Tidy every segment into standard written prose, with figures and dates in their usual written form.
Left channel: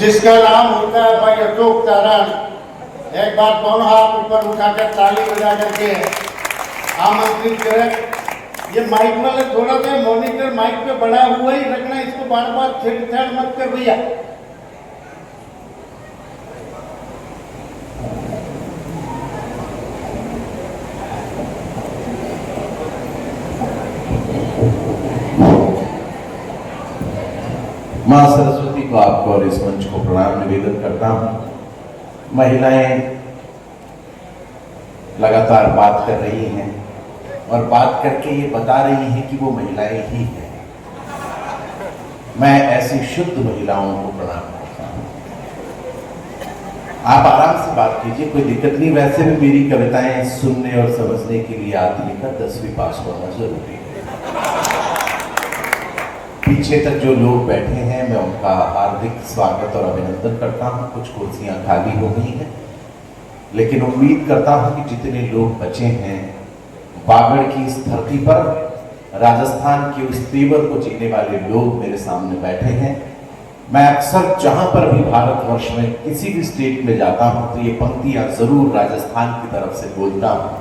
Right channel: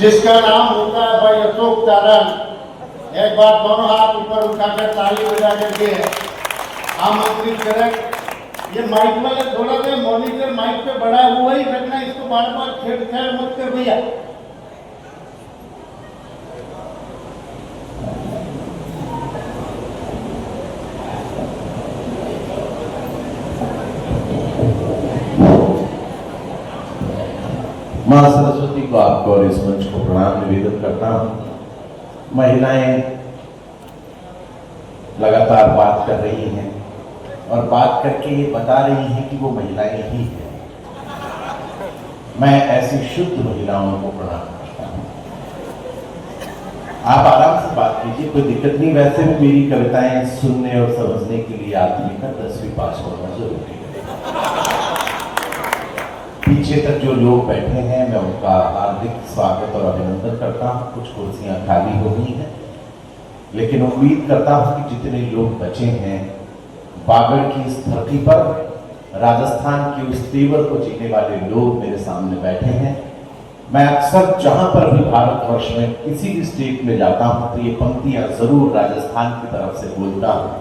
जिसका नाम होता है भाई अशोक चारण। एक बार दोनों हाथ ऊपर उठाकर ताली बजा करके आमंत्रित करें। ये माइक वाले थोड़ा सा मॉनिटर माइक पे बड़ा हुआ ही रखना, इसको बार बार छेड़छाड़ मत कर भैया। माँ सरस्वती को आपको और इस मंच को प्रणाम निवेदन करता हूँ। महिलाएं लगातार बात कर रही हैं और बात करके ये बता रही हैं कि वो महिलाएं ही हैं। मैं ऐसी शुद्ध महिलाओं को प्रणाम करता हूँ। आप आराम से बात कीजिए, कोई दिक्कत नहीं। वैसे भी मेरी कविताएं सुनने और समझने के लिए आदमी का 10वीं पास होना जरूरी है। पीछे तक जो लोग बैठे हैं मैं उनका हार्दिक स्वागत और अभिनंदन करता हूं। कुछ कुर्सियां खाली हो गई हैं, लेकिन उम्मीद करता हूं कि जितने लोग बचे हैं, बागड़ की इस धरती पर राजस्थान के उस तेवर को जीने वाले लोग मेरे सामने बैठे हैं। मैं अक्सर जहां पर भी भारतवर्ष में किसी भी स्टेट में जाता हूं तो ये पंक्तियां जरूर राजस्थान की तरफ से बोलता हूं।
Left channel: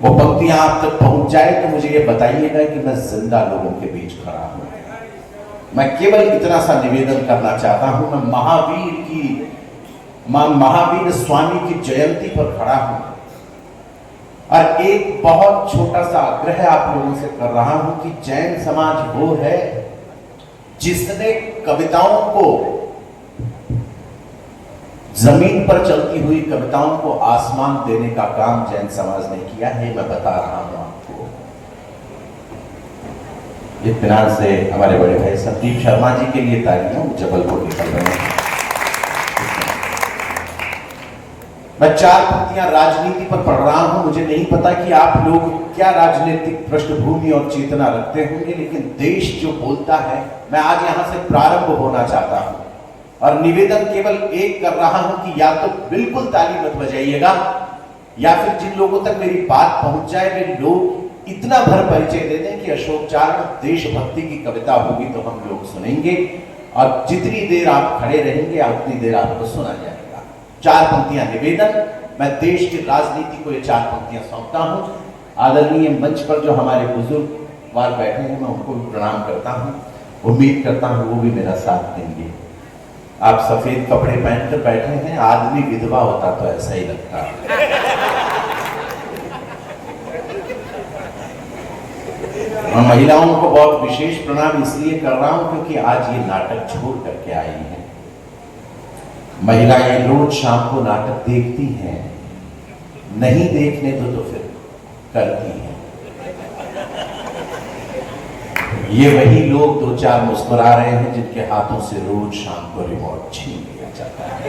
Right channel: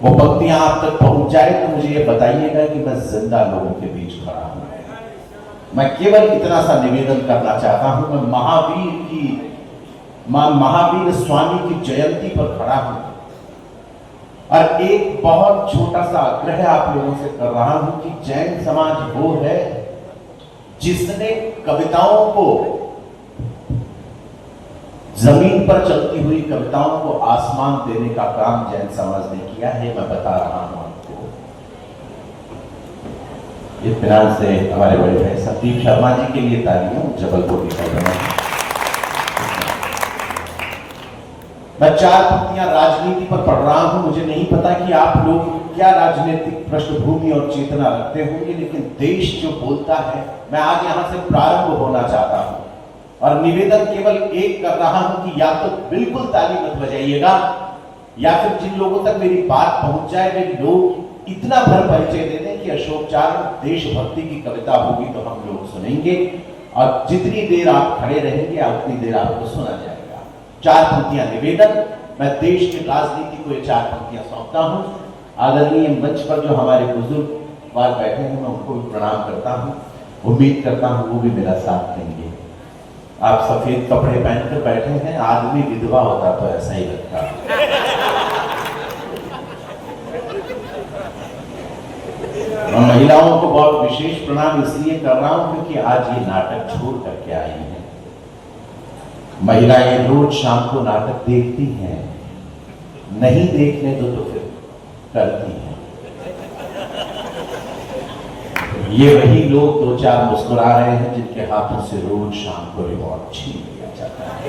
वो पंक्तियां आप तक पहुंच जाए तो मुझे ये बताइएगा कि मैं जिंदा लोगों के बीच खड़ा हूं। मैं केवल इतना सा निवेदन करना चाहता हूं। मैं महावीर स्वामी की जयंती पर खड़ा हूं और एक बहुत छोटा सा आग्रह आप लोगों से कर रहा हूं कि जैन समाज वो है जिसने कविताओं को, जमीन पर चलती हुई कविताओं को आसमान देने का काम जैन समाज ने किया है। मैं बता रहा हूं आपको। इत्मीनान से हमारे बड़े भाई संदीप शर्मा जी के लिए तालियां जबलपुर निकल रहे हैं। मैं 4 पंक्तियां राजनीति पर पढ़ रहा हूं। मुझे नहीं पता कि आप लोग क्या राजनीतिक पृष्ठभूमि और चेतना रखते होंगे, लेकिन देश जो बोलता है, मैं आज यहां से प्रारंभ होना चाहता हूं और निवेदन केवल एक कर रहा हूं कि या तो बिल्कुल ताली मत बजाइएगा, या फिर जिन लोगों तक मेरी बात पहुंच जाए वे लोग इतना भर परिचय दे दें कि अशोक चारण देशभक्ति की कविता होगी तो हम लोग सुनेंगे, और जितनी देर आप खड़े रहेंगे उतनी देर आपको सुना जाएगा। 4 पंक्तियां निवेदन। मैं देश की राजनीति को ये 4 पंक्तियां सौंपता हूं। आदरणीय मंच पर जो हमारे बुजुर्ग वाल बैठे हैं मैं उनको भी प्रणाम करता हूं। उम्मीद करता हूं वो भी मेरा साथ देंगे। आप सफेद कपड़े पहनकर बैठे हैं, आदमी विधवा होता तो ऐसा ही लगता। महिलाओं को बहुत विशेष प्रणाम इसलिए कर रहा हूं क्योंकि आज ये नाटक छोड़ करके आई हैं। महिलाएं रोज शाम को नाटक देखती हैं, नहीं देखने दो तो फिर करती हैं। ये वही लोग 2-4 मुस्कुरा रहे हैं जिनके हाथों से रोज शाम को रिमोट छीन लिया जाता है।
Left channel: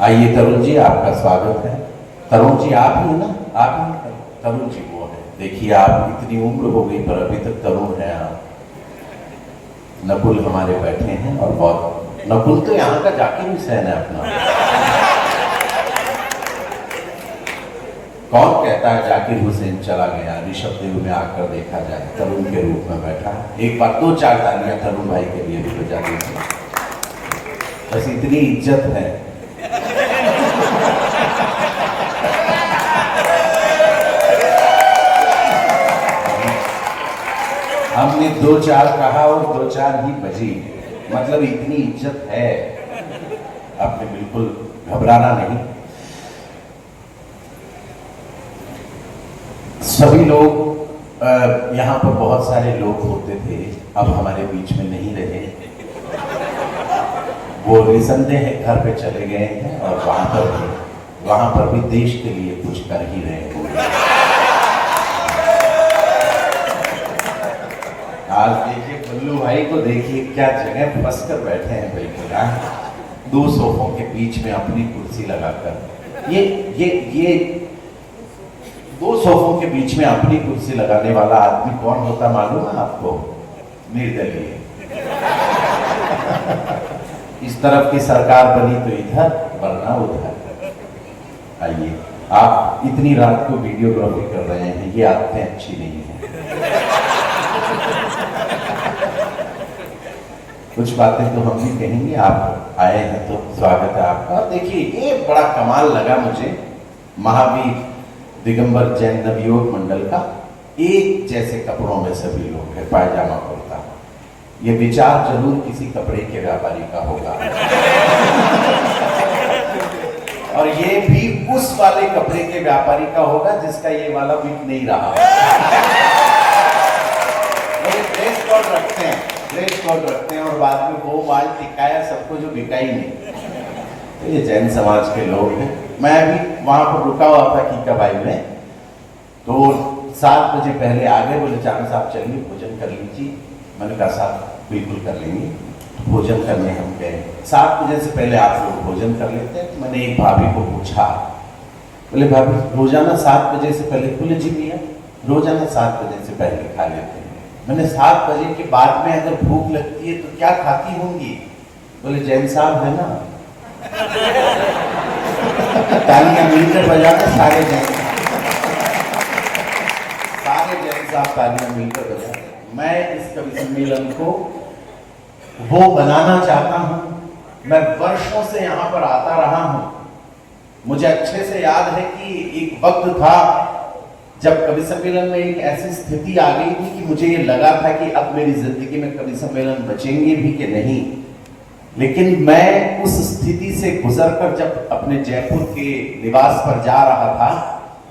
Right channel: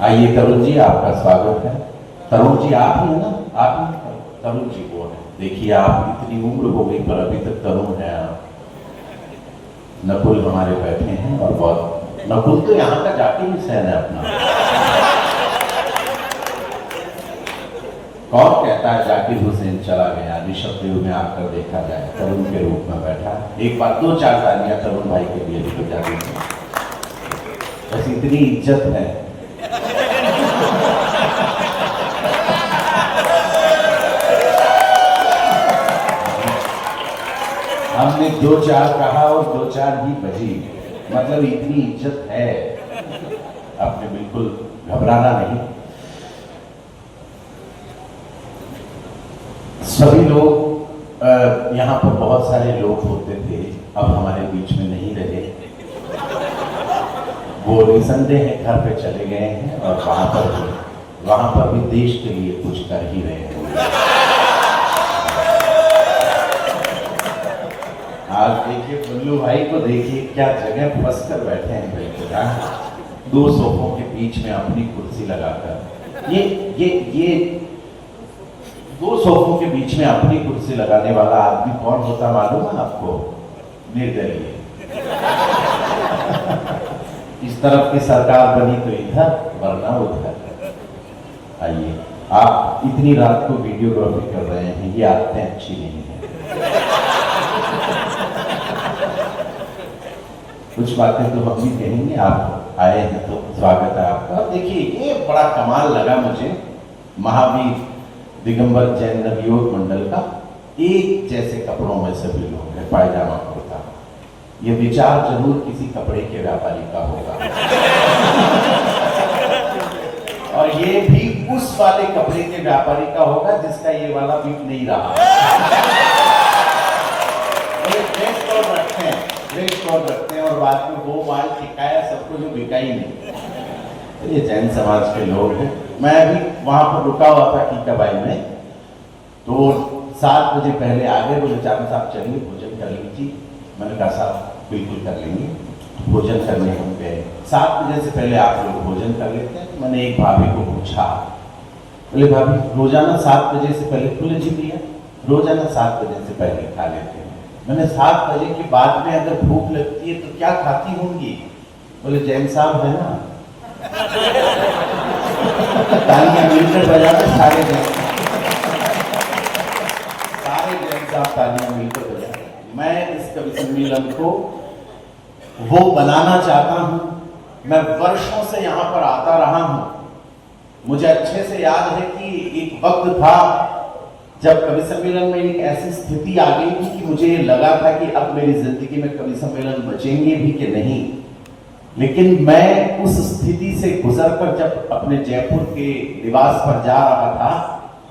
आइए तरुण जी, आपका स्वागत है। तरुण जी आप ही ना? आप ही तरुण जी वो है। देखिए आप इतनी उम्र हो गई पर अभी तक तरुण है आप। नकुल हमारे बैठे हैं और बहुत, नकुल तो यहाँ का जाकिर हुसैन है अपना। कौन कहता है जाकिर हुसैन चला गया? ऋषभ देव में आकर देखा जाए, तरुण के रूप में बैठा। एक बार 2-4 तालियां तरुण भाई के लिए भी बजा दीजिए। बस इतनी इज्जत है। हमने 2-4 कहा और 2-4 ही बजी, मतलब इतनी इज्जत है। आपने बिल्कुल घबराना नहीं। सभी लोग यहाँ पर बहुत सारे लोग होते थे, अब हमारे बीच में नहीं रहे। वो निसंदेह घर पे चले गए हैं और वहां पर भी देश के लिए कुछ कर ही रहे हैं। आज देखिए बुल्लू भाई को, देखिए क्या जगह फंस कर बैठे हैं बिल्कुल। 2 सोफों के बीच में अपनी कुर्सी लगाकर, ये 2 सोफों के बीच में अपनी कुर्सी लगाने वाला आदमी कौन होता मालूम है आपको? निर्दलीय। इस तरफ की सरकार बनी तो इधर, वरना उधर। आइए, आप इतनी रात को वीडियोग्राफी कर रहे हैं, ये आदतें अच्छी नहीं है। कुछ बातें तो हम भी कहेंगे। आप आए हैं तो स्वागत है आपका। और देखिए ये बड़ा कमाल लगा मुझे, महावीर दिगंबर जैन नवयुवक मंडल का एक जैसे कपड़ों में सभी लोग हैं, पायजामा कुर्ता। ये विचार जरूर किसी कपड़े के व्यापारी का होगा और ये भी उस वाले कपड़े के व्यापारी का होगा जिसका ये वाला बिक नहीं रहा। ड्रेस कोड रखते हैं, ड्रेस कोड रखते हैं और बाद में वो माल टिकाया सबको जो बिका ही नहीं। तो ये जैन समाज के लोग हैं। मैं अभी वहां पर रुका हुआ था कीकाबाई में, तो 7 बजे पहले आ गए, बोले चांद साहब चलिए भोजन कर लीजिए। मैंने कहा साहब बिल्कुल कर लेंगे। भोजन करने हम गए, 7 बजे से पहले आप लोग भोजन कर लेते हैं। तो मैंने एक भाभी को पूछा, बोले भाभी रोजाना 7 बजे से पहले खुले जी भैया रोजाना 7 बजे से पहले खा लेते हैं। मैंने 7 बजे के बाद में अगर भूख लगती है तो क्या खाती होंगी? बोले जैन साहब है ना, तालियां मिलकर बजाते सारे जैन साहब तालियां मिलकर बजाते। मैं इस कवि सम्मेलन को वो बनाना चाहता हूं। मैं वर्षों से यहां पर आता रहा हूं। मुझे अच्छे से याद है कि एक वक्त था जब कवि सम्मेलन में एक ऐसी स्थिति आ गई थी कि मुझे ये लगा था कि अब मेरी जिंदगी में कवि सम्मेलन बचेंगे भी कि नहीं। लेकिन मैं उस स्थिति से गुजरकर जब अपने जयपुर के निवास पर जा रहा था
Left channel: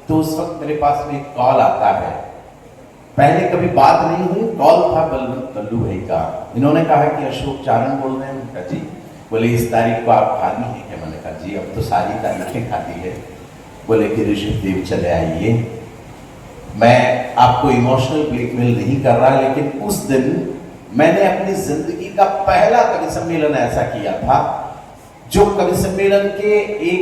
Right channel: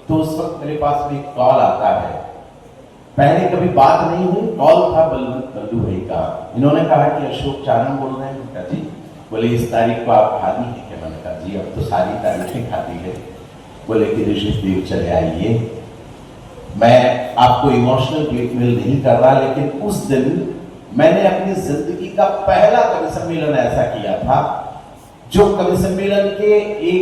तो उस वक्त मेरे पास में एक कॉल आता है। पहले कभी बात नहीं हुई, कॉल था बल्लू भाई का। इन्होंने कहा कि अशोक चारण बोल रहे हैं। कहा जी। बोले इस तारीख को आप खाली है क्या? मैंने कहा जी अब तो सारी तारीखें खाली है। बोले कि ऋषभ देव चले आइए। मैं आपको इमोशनल ब्लैकमेल नहीं कर रहा, लेकिन उस दिन मैंने अपनी जिंदगी का पहला कवि सम्मेलन ऐसा किया था जो कवि सम्मेलन के एक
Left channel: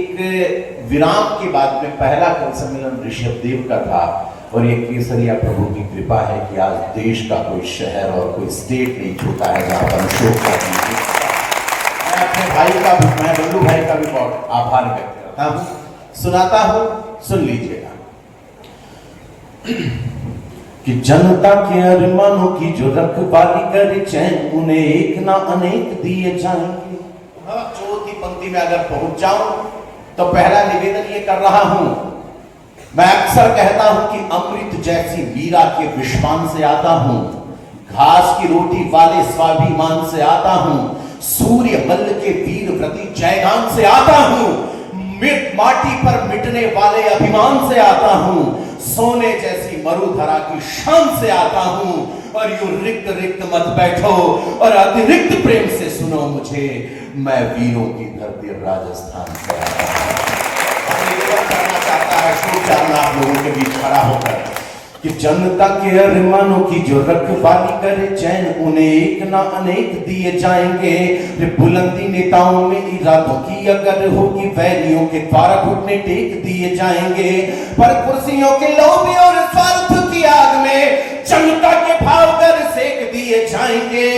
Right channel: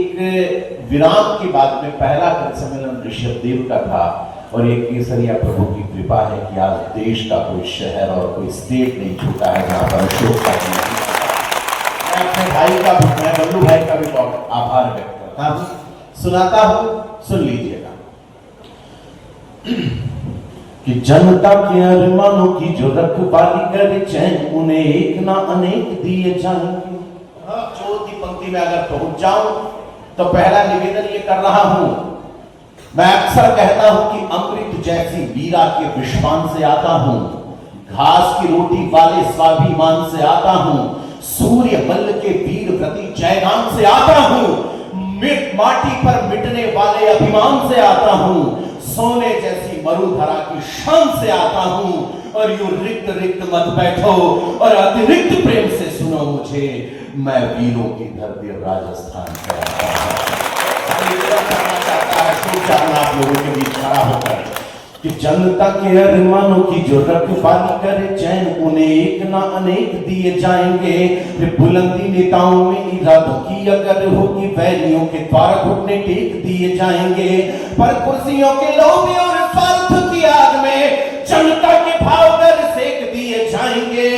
विराम के बाद में पहला कवि सम्मेलन ऋषभ देव का था। और ये केसरिया प्रभु की कृपा है कि आज देश का कोई शहर और कोई स्टेट नहीं छूटा है जहां पर अशोक का। मैं अपने भाई का, मैं बल्लू भाई का भी बहुत आभार व्यक्त करता हूं। सुनाता हूं, सुन लीजिएगा। कि जनता के अरमानों की जो रखवाली करे चैन उन्हें एक ना अनेक दिए जाएंगे। चौथी पंक्ति में अगर पहुंच जाऊं तो पहला निवेदन ये कर रहा हूं। मैं अक्सर कहता हूं कि अमृत जैसी मीरा के विश्वान से आता हूं, घास की रोटी वाले स्वाभिमान से आता हूं, सूर्य मल्ल के वीर व्रती जयगान से आता हूं, माटी पर मिटने वाले अभिमान से आता हूं, सोने जैसी मरुधरा की शान से आता हूं। और यूं रिक्त रिक्त मत बैठो और अतिरिक्त प्रेम से सुनो मुझे, मैं वीरों की धरती राजस्थान से आता हूं। आप लोगों के बीच खड़ा होकर कि जनता के अरमानों की जो रखवाली करे चैन उन्हें एक ना अनेक दिए जाएंगे। बुलंदी नेताओं में इरादों की अगर होगी वैलियों के द्वारा घुटने टेक दिए जाएंगे। पर कुर्सियों के लोभ और स्वार्थ की आग में जनता के भाव कर सेक दिए जाएंगे।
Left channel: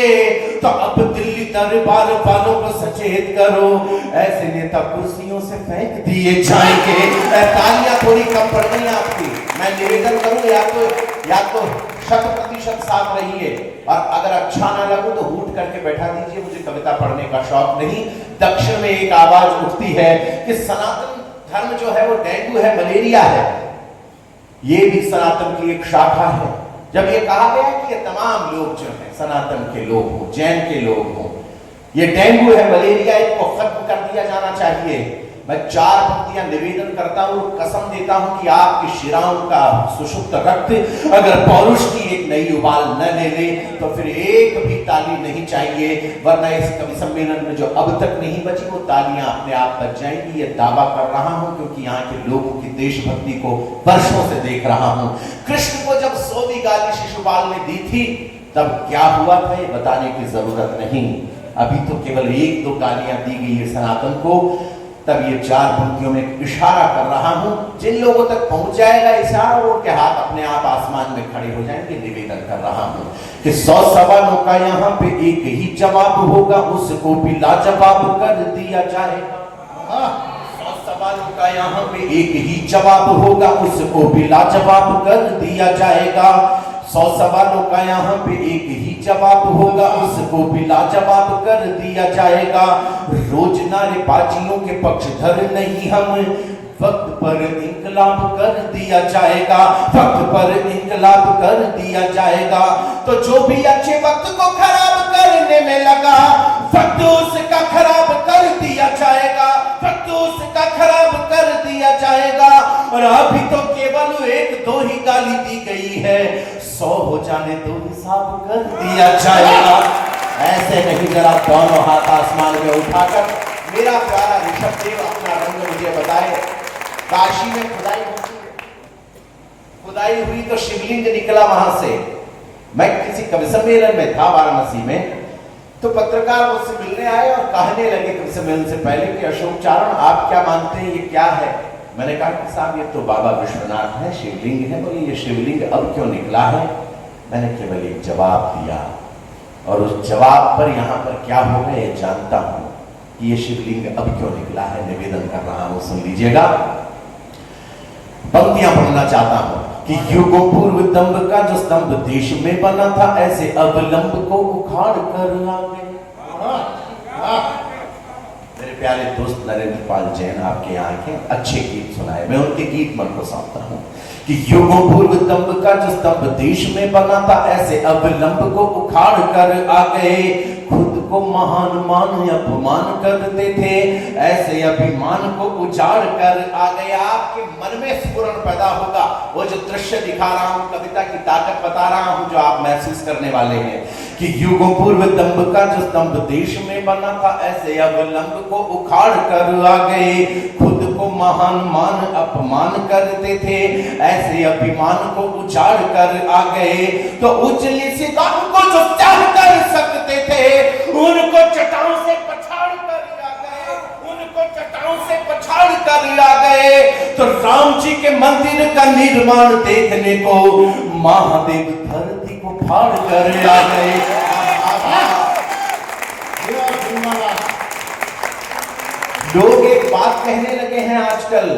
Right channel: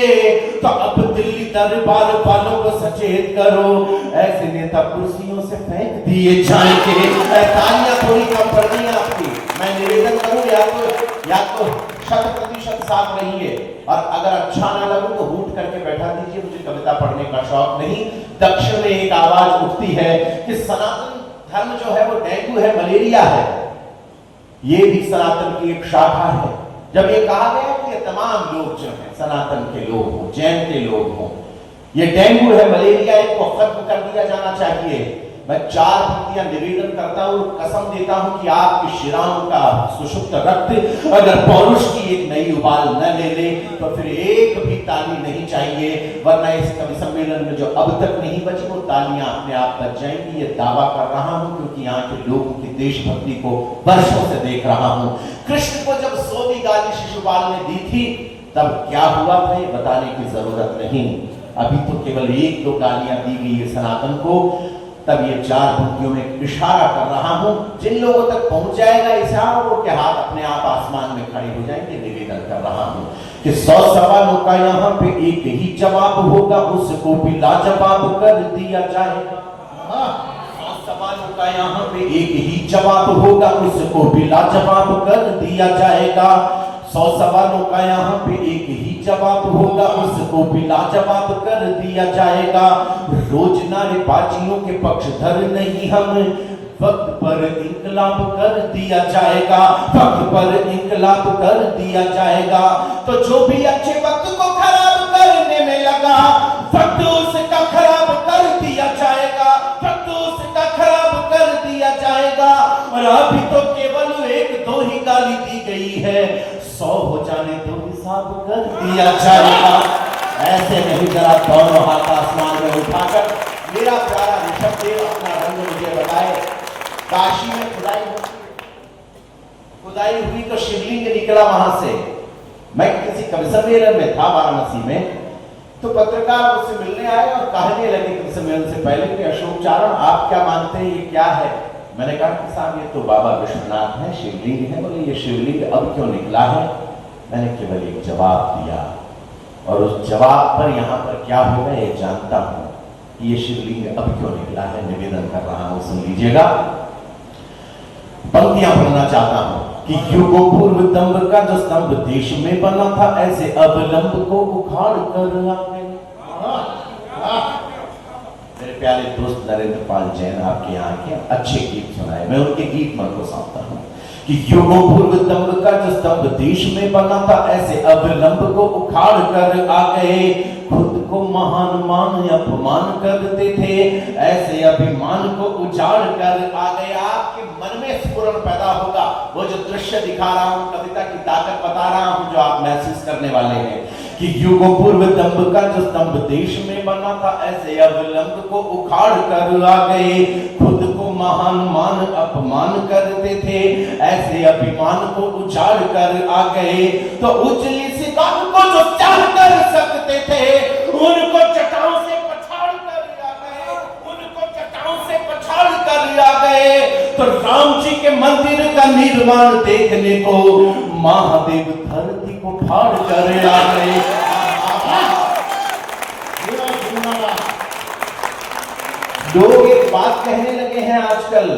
तो अब दिल्ली दरबार वालों को सचेत करो, ऐसे नेता कुर्सियों से फेंक दिए जाएंगे। तालियां थोड़ी कम पड़ गई आपकी। मैं निवेदन करूं या तो 100% साफ रहिए और अगर अच्छा ना लगे तो हूट करके बैठा दीजिए। मुझे कविता पढ़ने का शौक नहीं। दक्षिण में एक आवाज उठती है कि सनातन धर्म जो है वो डेंगू है, मलेरिया है। ये भी सनातन की एक शाखा है। जब ये कहा गया कि ये तमाम लोग जो हैं सनातन के लोग हों, जैन के लोग हों, ये डेंगू है, मलेरिया, इनको खत्म कर दिया जाना चाहिए। मैं 4 पंक्तियां निवेदन करता हूं, कसम देता हूं कि आपकी शिराओं का सुषुप्त रक्त अगर पौरुष की एक नई उबाल न ले ले तो फिर एक भी ताली नहीं चाहिए। वरना इस कवि सम्मेलन में जो अब तक नहीं बची वो तालियां अपने आप बच जाएंगी। ये दावा कर रहा हूं क्योंकि यहाँ के लोगों की देशभक्ति को वर्षों से देख रहा हूं। कृष्ण को जब 100वीं गाली शिशुपाल ने दी थी तब क्या हुआ था ये बताने की जरूरत नहीं। अभी तो केवल 1-2 गालियां दी गई है सनातन को। तब ये 4 पंक्तियों में इशारा कर रहा हूं। जिन लोगों तक पहुंच जाएगा इशारा, उनके हाथ अपने आप आसमान में खड़े हो जाएंगे। निवेदन कर रहा हूं कि 100 सवालों का यहाँ पे एक ही जवाब होगा, उसको भी लाजवाब कर दिया जाएगा। 100 सवालों का यहाँ पे एक ही जवाब होगा, उसको भी लाजवाब कर दिया जाएगा। 100 सवालों का यहाँ पे एक ही जवाब होगा, उसको भी लाजवाब कर दिया जाएगा। रोज नारेबाजियों के पक्षधर नहीं हम, वक्त पर इंकलाब कर दिया जाएगा, वक्त पर इंकलाब कर दिया जाएगा। तो जो भी अच्छे वक्त को खराब करने में लगा, वक्त उसका खराब कर दिया जाएगा, वक्त उसका खराब कर दिया जाएगा। और अभी तो केवल 1-2 ही गाली दी गई है, 100 हो जाने तो हिसाब कर दिया जाएगा। ऐसे नहीं, जरा दोनों हाथ आसमान में उठाकर मेरा प्यारा ऋषभ देव अपना रंग मुझे बताए। काशी में खुदाई हुई तो शिवलिंग निकला वहां से। मैं किसी कवि सम्मेलन में था वाराणसी में, तो पत्रकार मुझसे मिलने आए और कहने लगे कवि सम्मेलन से पहले कि अशोक चारण आप क्या मानते हैं, ये क्या है? मैंने कहा कि साहब ये तो बाबा विश्वनाथ है, शिवलिंग है। बोले ये शिवलिंग अब क्यों निकला है? मैंने केवल एक जवाब दिया, और उस जवाब पर यहाँ पर क्या होगा ये जानता हूं कि ये शिवलिंग अब क्यों निकला है। निवेदन कर रहा हूं, सुन लीजिएगा। पंक्तियां पढ़ना चाहता हूं कि युगों पूर्व दंभ का जो स्तंभ देश में बना था, ऐसे अब लंब को उखाड़ कर आ गए। मेरे प्यारे दोस्त नरेंद्र पाल जैन आपके यहाँ के अच्छे गीत सुनाए, मैं उनके गीत मन को सौंपता हूँ कि युगों पूर्व दंभ का जो स्तंभ देश में बना था, ऐसे अब लंब को उखाड़ कर आ गए। खुद को महान मान अपमान करते थे, ऐसे अभिमान को उजाड़ कर आ गए। आपके मन में स्फुरण पैदा होगा, वो जो दृश्य दिखा रहा हूं, कविता की ताकत बता रहा हूं, जो आप महसूस करने वाले हैं कि युगों पूर्व दंभ का जो स्तंभ देश में बना था, ऐसे अब लंब को उखाड़ कर आ गए। खुद को महान मान अपमान करते थे, ऐसे अभिमान को उजाड़ कर आ गए। तो उजली सितारों को जो चाह कर सकते थे, उनको चटाओं से पछाड़ कर आ गए, उनको चटाओं से पछाड़ कर आ गए। तो राम जी के मंदिर का निर्माण देखने को महादेव धरती को फाड़ कर आ गए। लोग एक बात कहने लगे हैं आजकल,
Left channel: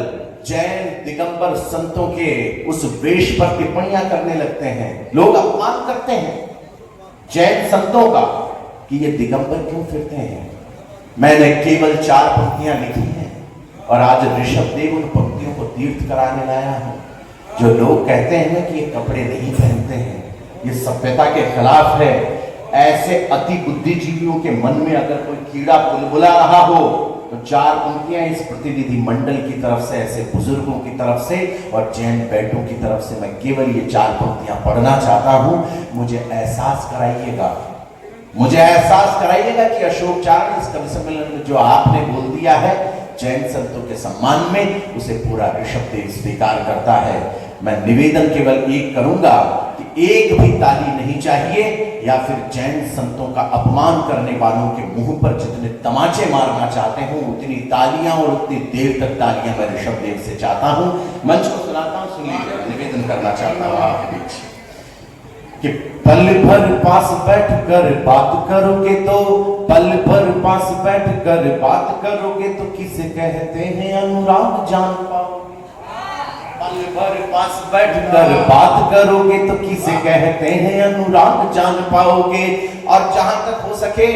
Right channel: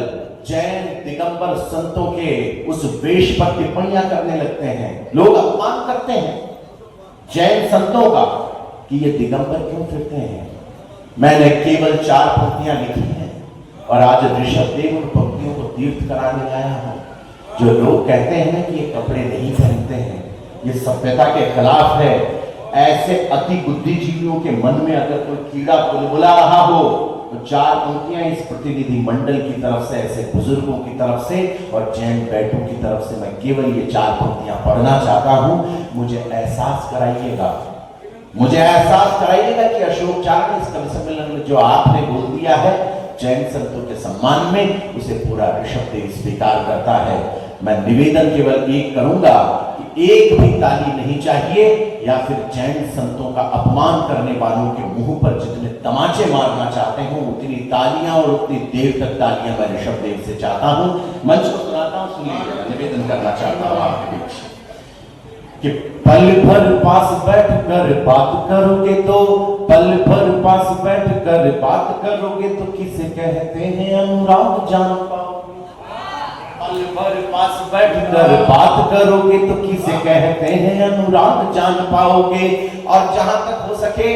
जैन दिगंबर संतों के उस वेश पर टिप्पणियां करने लगते हैं। लोग अपमान करते हैं जैन संतों का कि ये दिगंबर क्यों फिरते हैं। मैंने केवल 4 पंक्तियां लिखी हैं और आज ऋषभ देव उन पंक्तियों को तीर्थ कराने लाया हूं। जो लोग कहते हैं ना कि ये कपड़े नहीं पहनते हैं, ये सभ्यता के खिलाफ है, ऐसे अति बुद्धिजीवियों के मन में अगर कोई कीड़ा बुलबुला रहा हो तो 4 पंक्तियां इस प्रतिनिधि मंडल की तरफ से, ऐसे बुजुर्गों की तरफ से और जैन बैठों की तरफ से मैं केवल ये 4 पंक्तियां पढ़ना चाहता हूं। मुझे एहसास कराइएगा, मुझे एहसास कराइएगा कि अशोक चारण इस कवि सम्मेलन में जो आपने बोल दिया है जैन संतों के सम्मान में, उसे पूरा ऋषभ देव स्वीकार करता है। मैं निवेदन केवल एक करूंगा कि एक भी ताली नहीं चाहिए, या फिर जैन संतों का अपमान करने वालों के मुंह पर जितने तमाचे मारना चाहते हो उतनी तालियां और उतनी देर तक तालियां मैं ऋषभ देव से चाहता हूं। मंच को सुनाता हूं, सुन लीजिए, निवेदन करना चाहता हूं आपके बीच कि पल भर पास बैठ कर बात करोगे तो, पल भर पास बैठ कर बात करोगे तो किसे कहते हैं अनुराग जान पाओगे। पल भर पास बैठ कर बात करोगे तो किसे कहते हैं अनुराग जान पाओगे। और जहां तक हो सके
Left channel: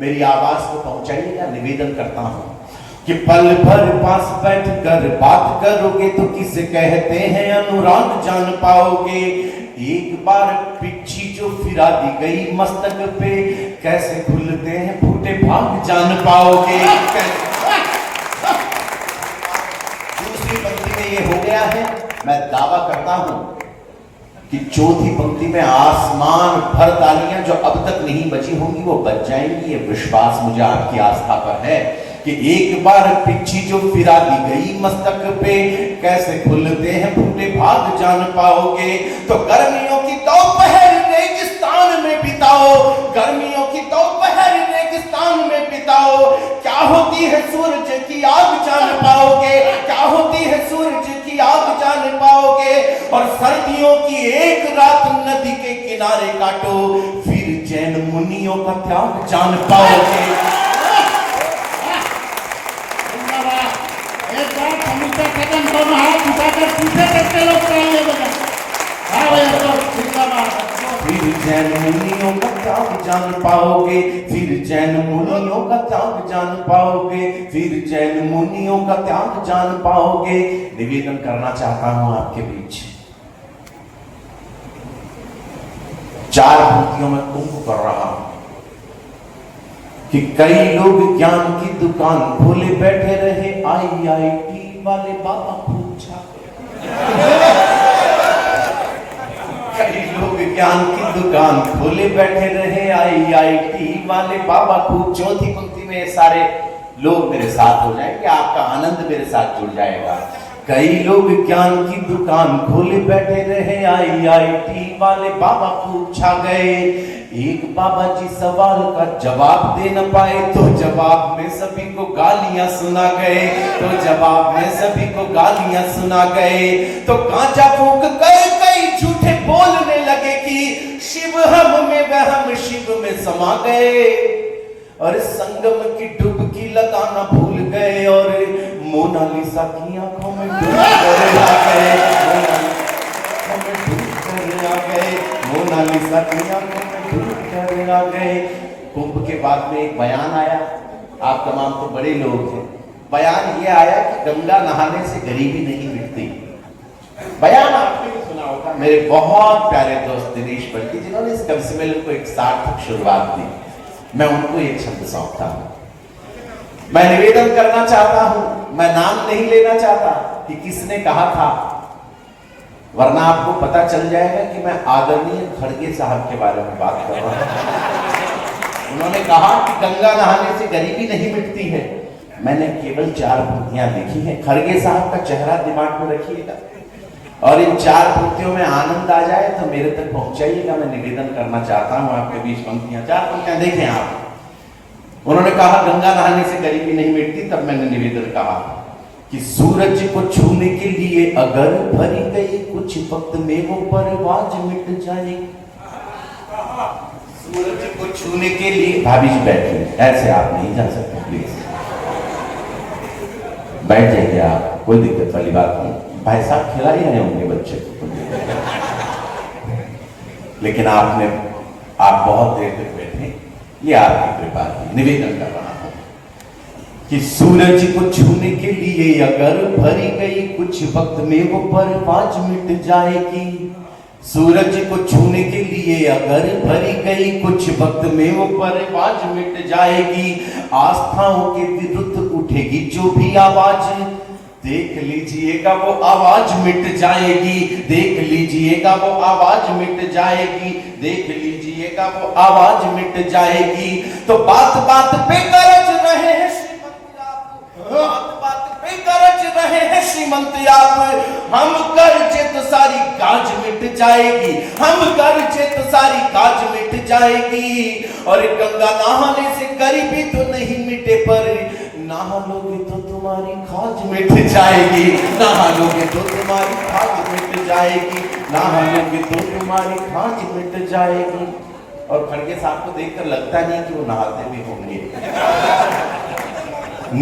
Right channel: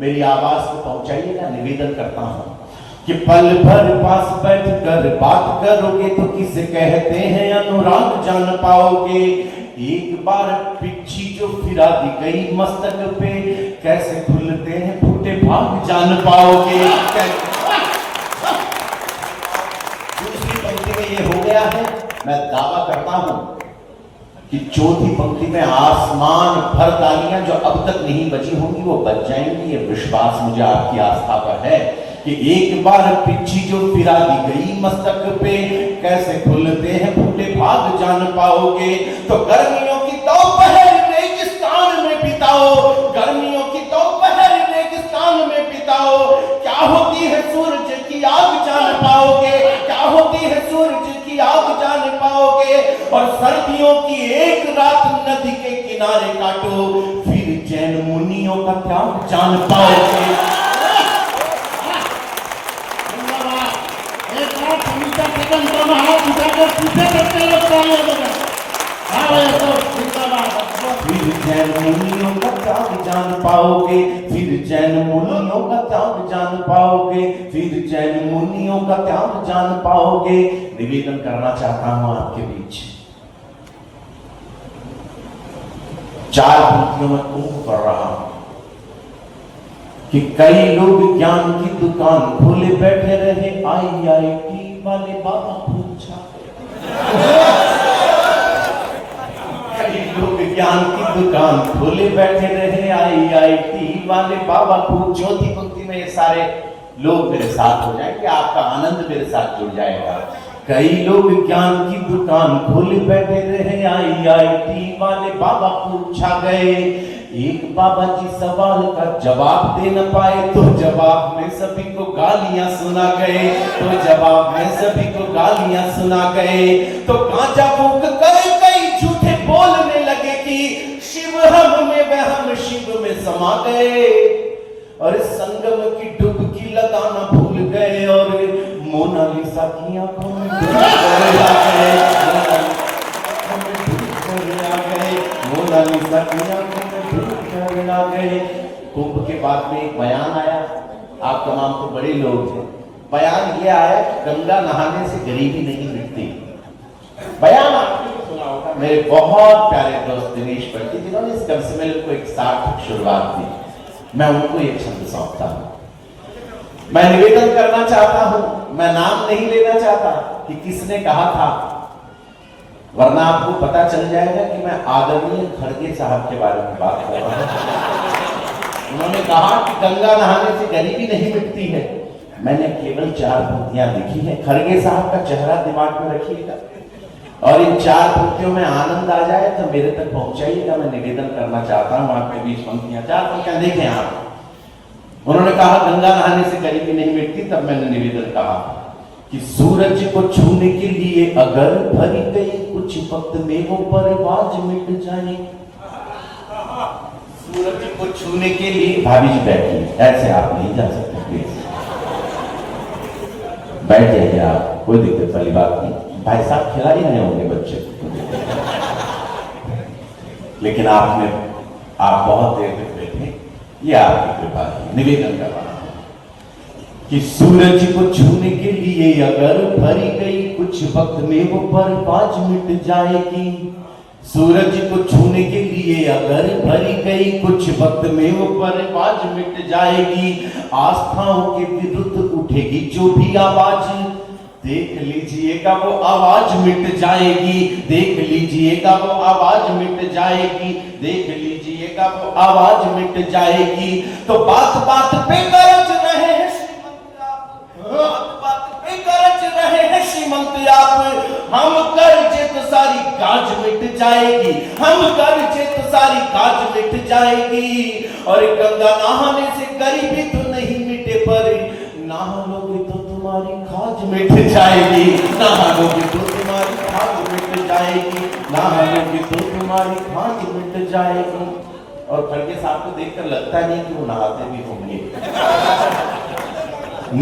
मेरी आवाज को पहुंचाइएगा, निवेदन करता हूं कि पल भर पास बैठ कर बात करोगे तो किसे कहते हैं अनुराग जान पाओगे। एक बार पिच्छी जो फिरा दी गई मस्तक पे, कैसे खुलते हैं फूटे भाग जान पाओगे। दूसरी पंक्ति में ये हो गया है, मैं दावा करता हूं कि चौथी पंक्ति में आसमान भर तालियां जो अब तक नहीं बची होंगी वो बच जाएंगी। ये विश्वास मुझे आपकी आस्था पर है कि एक बार पिच्छी जो फिरा दी गई मस्तक पे, कैसे खुलते हैं फूटे भाग जान पाओगे। तो गर्मियों की दोपहर रेगिस्तान में बिताओ, गर्मियों की दोपहर रेगिस्तान में बिताओ। क्या होती है सूरज की आग जान पाओगे, क्या होती है सूरज की आग जान पाओगे। और सर्दियों की एक रात नदी के किनारे काटो, फिर जैन मुनियों का त्याग जान पाओगे। पीछे करते लोग जैन मुनियों का त्याग जान पाओगे, फिर जैन मुनियों का त्याग जान पाओगे, फिर जैन मुनियों का त्याग जान पाओगे। निवेदन करना चाहता हूं आपके बीच, 4 पंक्तियों में कुंभ कर रहा हूं कि कई लोग ज्ञान की दुकान खोले बैठे रहे, IIT वाले बाबा पूछा। कई लोग ज्ञान की दुकान खोले बैठे रहे, IIT वाले बाबा पूछ। चौथी पंक्ति में ये सारे लोग मेरे साथ हो जाएंगे, आपका आनंद मेरे साथ जुड़ जाएगा। कई लोग ज्ञान की दुकान खोले बैठे रहे, IIT वाले बाबा पूछा गए। एक बाबा जी सवाल का जवाब दे न पाए, तो जवाब में सभी को गालियां सुना गए, तो जवाब में सभी को गालियां सुना गए। तो कांचा फूंक कई झूठे बोलने लगे कि शिव हम में वह शिव में समा गए, और संगम की डुबकी लगाना भूल गए, और मोनालिसा की आंखों में डूब आ गए, मोनालिसा की आंखों आ गए। कुंभ के बाद में एक बयान आया, आप तमाम तो बड़े लोग हैं, बयान ये आया कि गंगा नहाने से गरीबी नहीं मिटती। बयान आपने सुना होगा, मेरे बहुत प्यारे दोस्त दिनेश बल्कि जिन्होंने इस कम सम्मेलन को एक सार्थक शुरुआत दी, मैं उनको एक शब्द सौंपता हूं। मैं निवेदन करना चाहता हूं, मैं नाम नहीं लेना चाहता कि किसने कहा था, वरना आपको पता चल जाएगा कि मैं आदरणीय खड़गे साहब के बारे में बात कर रहा हूं। उन्होंने कहा कि गंगा नहाने से गरीबी नहीं मिटती है। मैंने केवल 4 पंक्तियां लिखी हैं, खड़गे साहब का चेहरा दिमाग में रखिएगा, और इन 4 पंक्तियों में आनंद आ जाए तो मेरे तक पहुंचाइएगा। मैं निवेदन करना चाहता हूं आपके बीच पंक्तियां, 4 पंक्तियां देखें आप। उन्होंने कहा गंगा नहाने से गरीबी नहीं मिटती, तब मैंने निवेदन कहा कि सूरज को छूने के लिए अगर भरी गई कुछ वक्त में वो परवाज मिट जाएगी। सूरज को छूने के लिए, भाभी जी बैठिए, ऐसे आप नहीं जा सकते, प्लीज बैठ जाइए आप, कोई दिक्कत वाली बात नहीं। भाई साहब खिला ही नहीं होंगे बच्चे लेकिन आप बहुत देर तक बैठे, ये आपकी कृपा है। निवेदन कर रहा हूं कि सूरज को छूने के लिए अगर भरी गई कुछ वक्त में वो परवाज मिट जाएगी। सूरज को छूने के लिए अगर भरी गई कुछ वक्त में वो परवाज मिट जाएगी। आस्थाओं के विरुद्ध उठेगी जो भी आवाज, देख लीजिएगा वो आवाज मिट जाएगी, देख लीजिएगा वो आवाज मिट जाएगी, देख लीजिएगा वो आवाज मिट जाएगी। तो बात बात पे गरज रहे हैं श्रीमंत आप, बात बात पे गरज रहे हैं श्रीमंत आप, हम कर्जे तो सारी गाज मिट जाएगी, हम कर्जे तो सारी गाज मिट जाएगी। और गंगा नहाने से गरीबी तो नहीं मिटे, पर नहाओगे तो तुम्हारी खाज मिट जाएगी, नहाओगे तो तुम्हारी खाज मिट जाएगी, नहाओगे तो तुम्हारी खाज मिट जाएगी। और खड़गे साहब को देखकर लगता नहीं कि वो नहाते भी होंगे।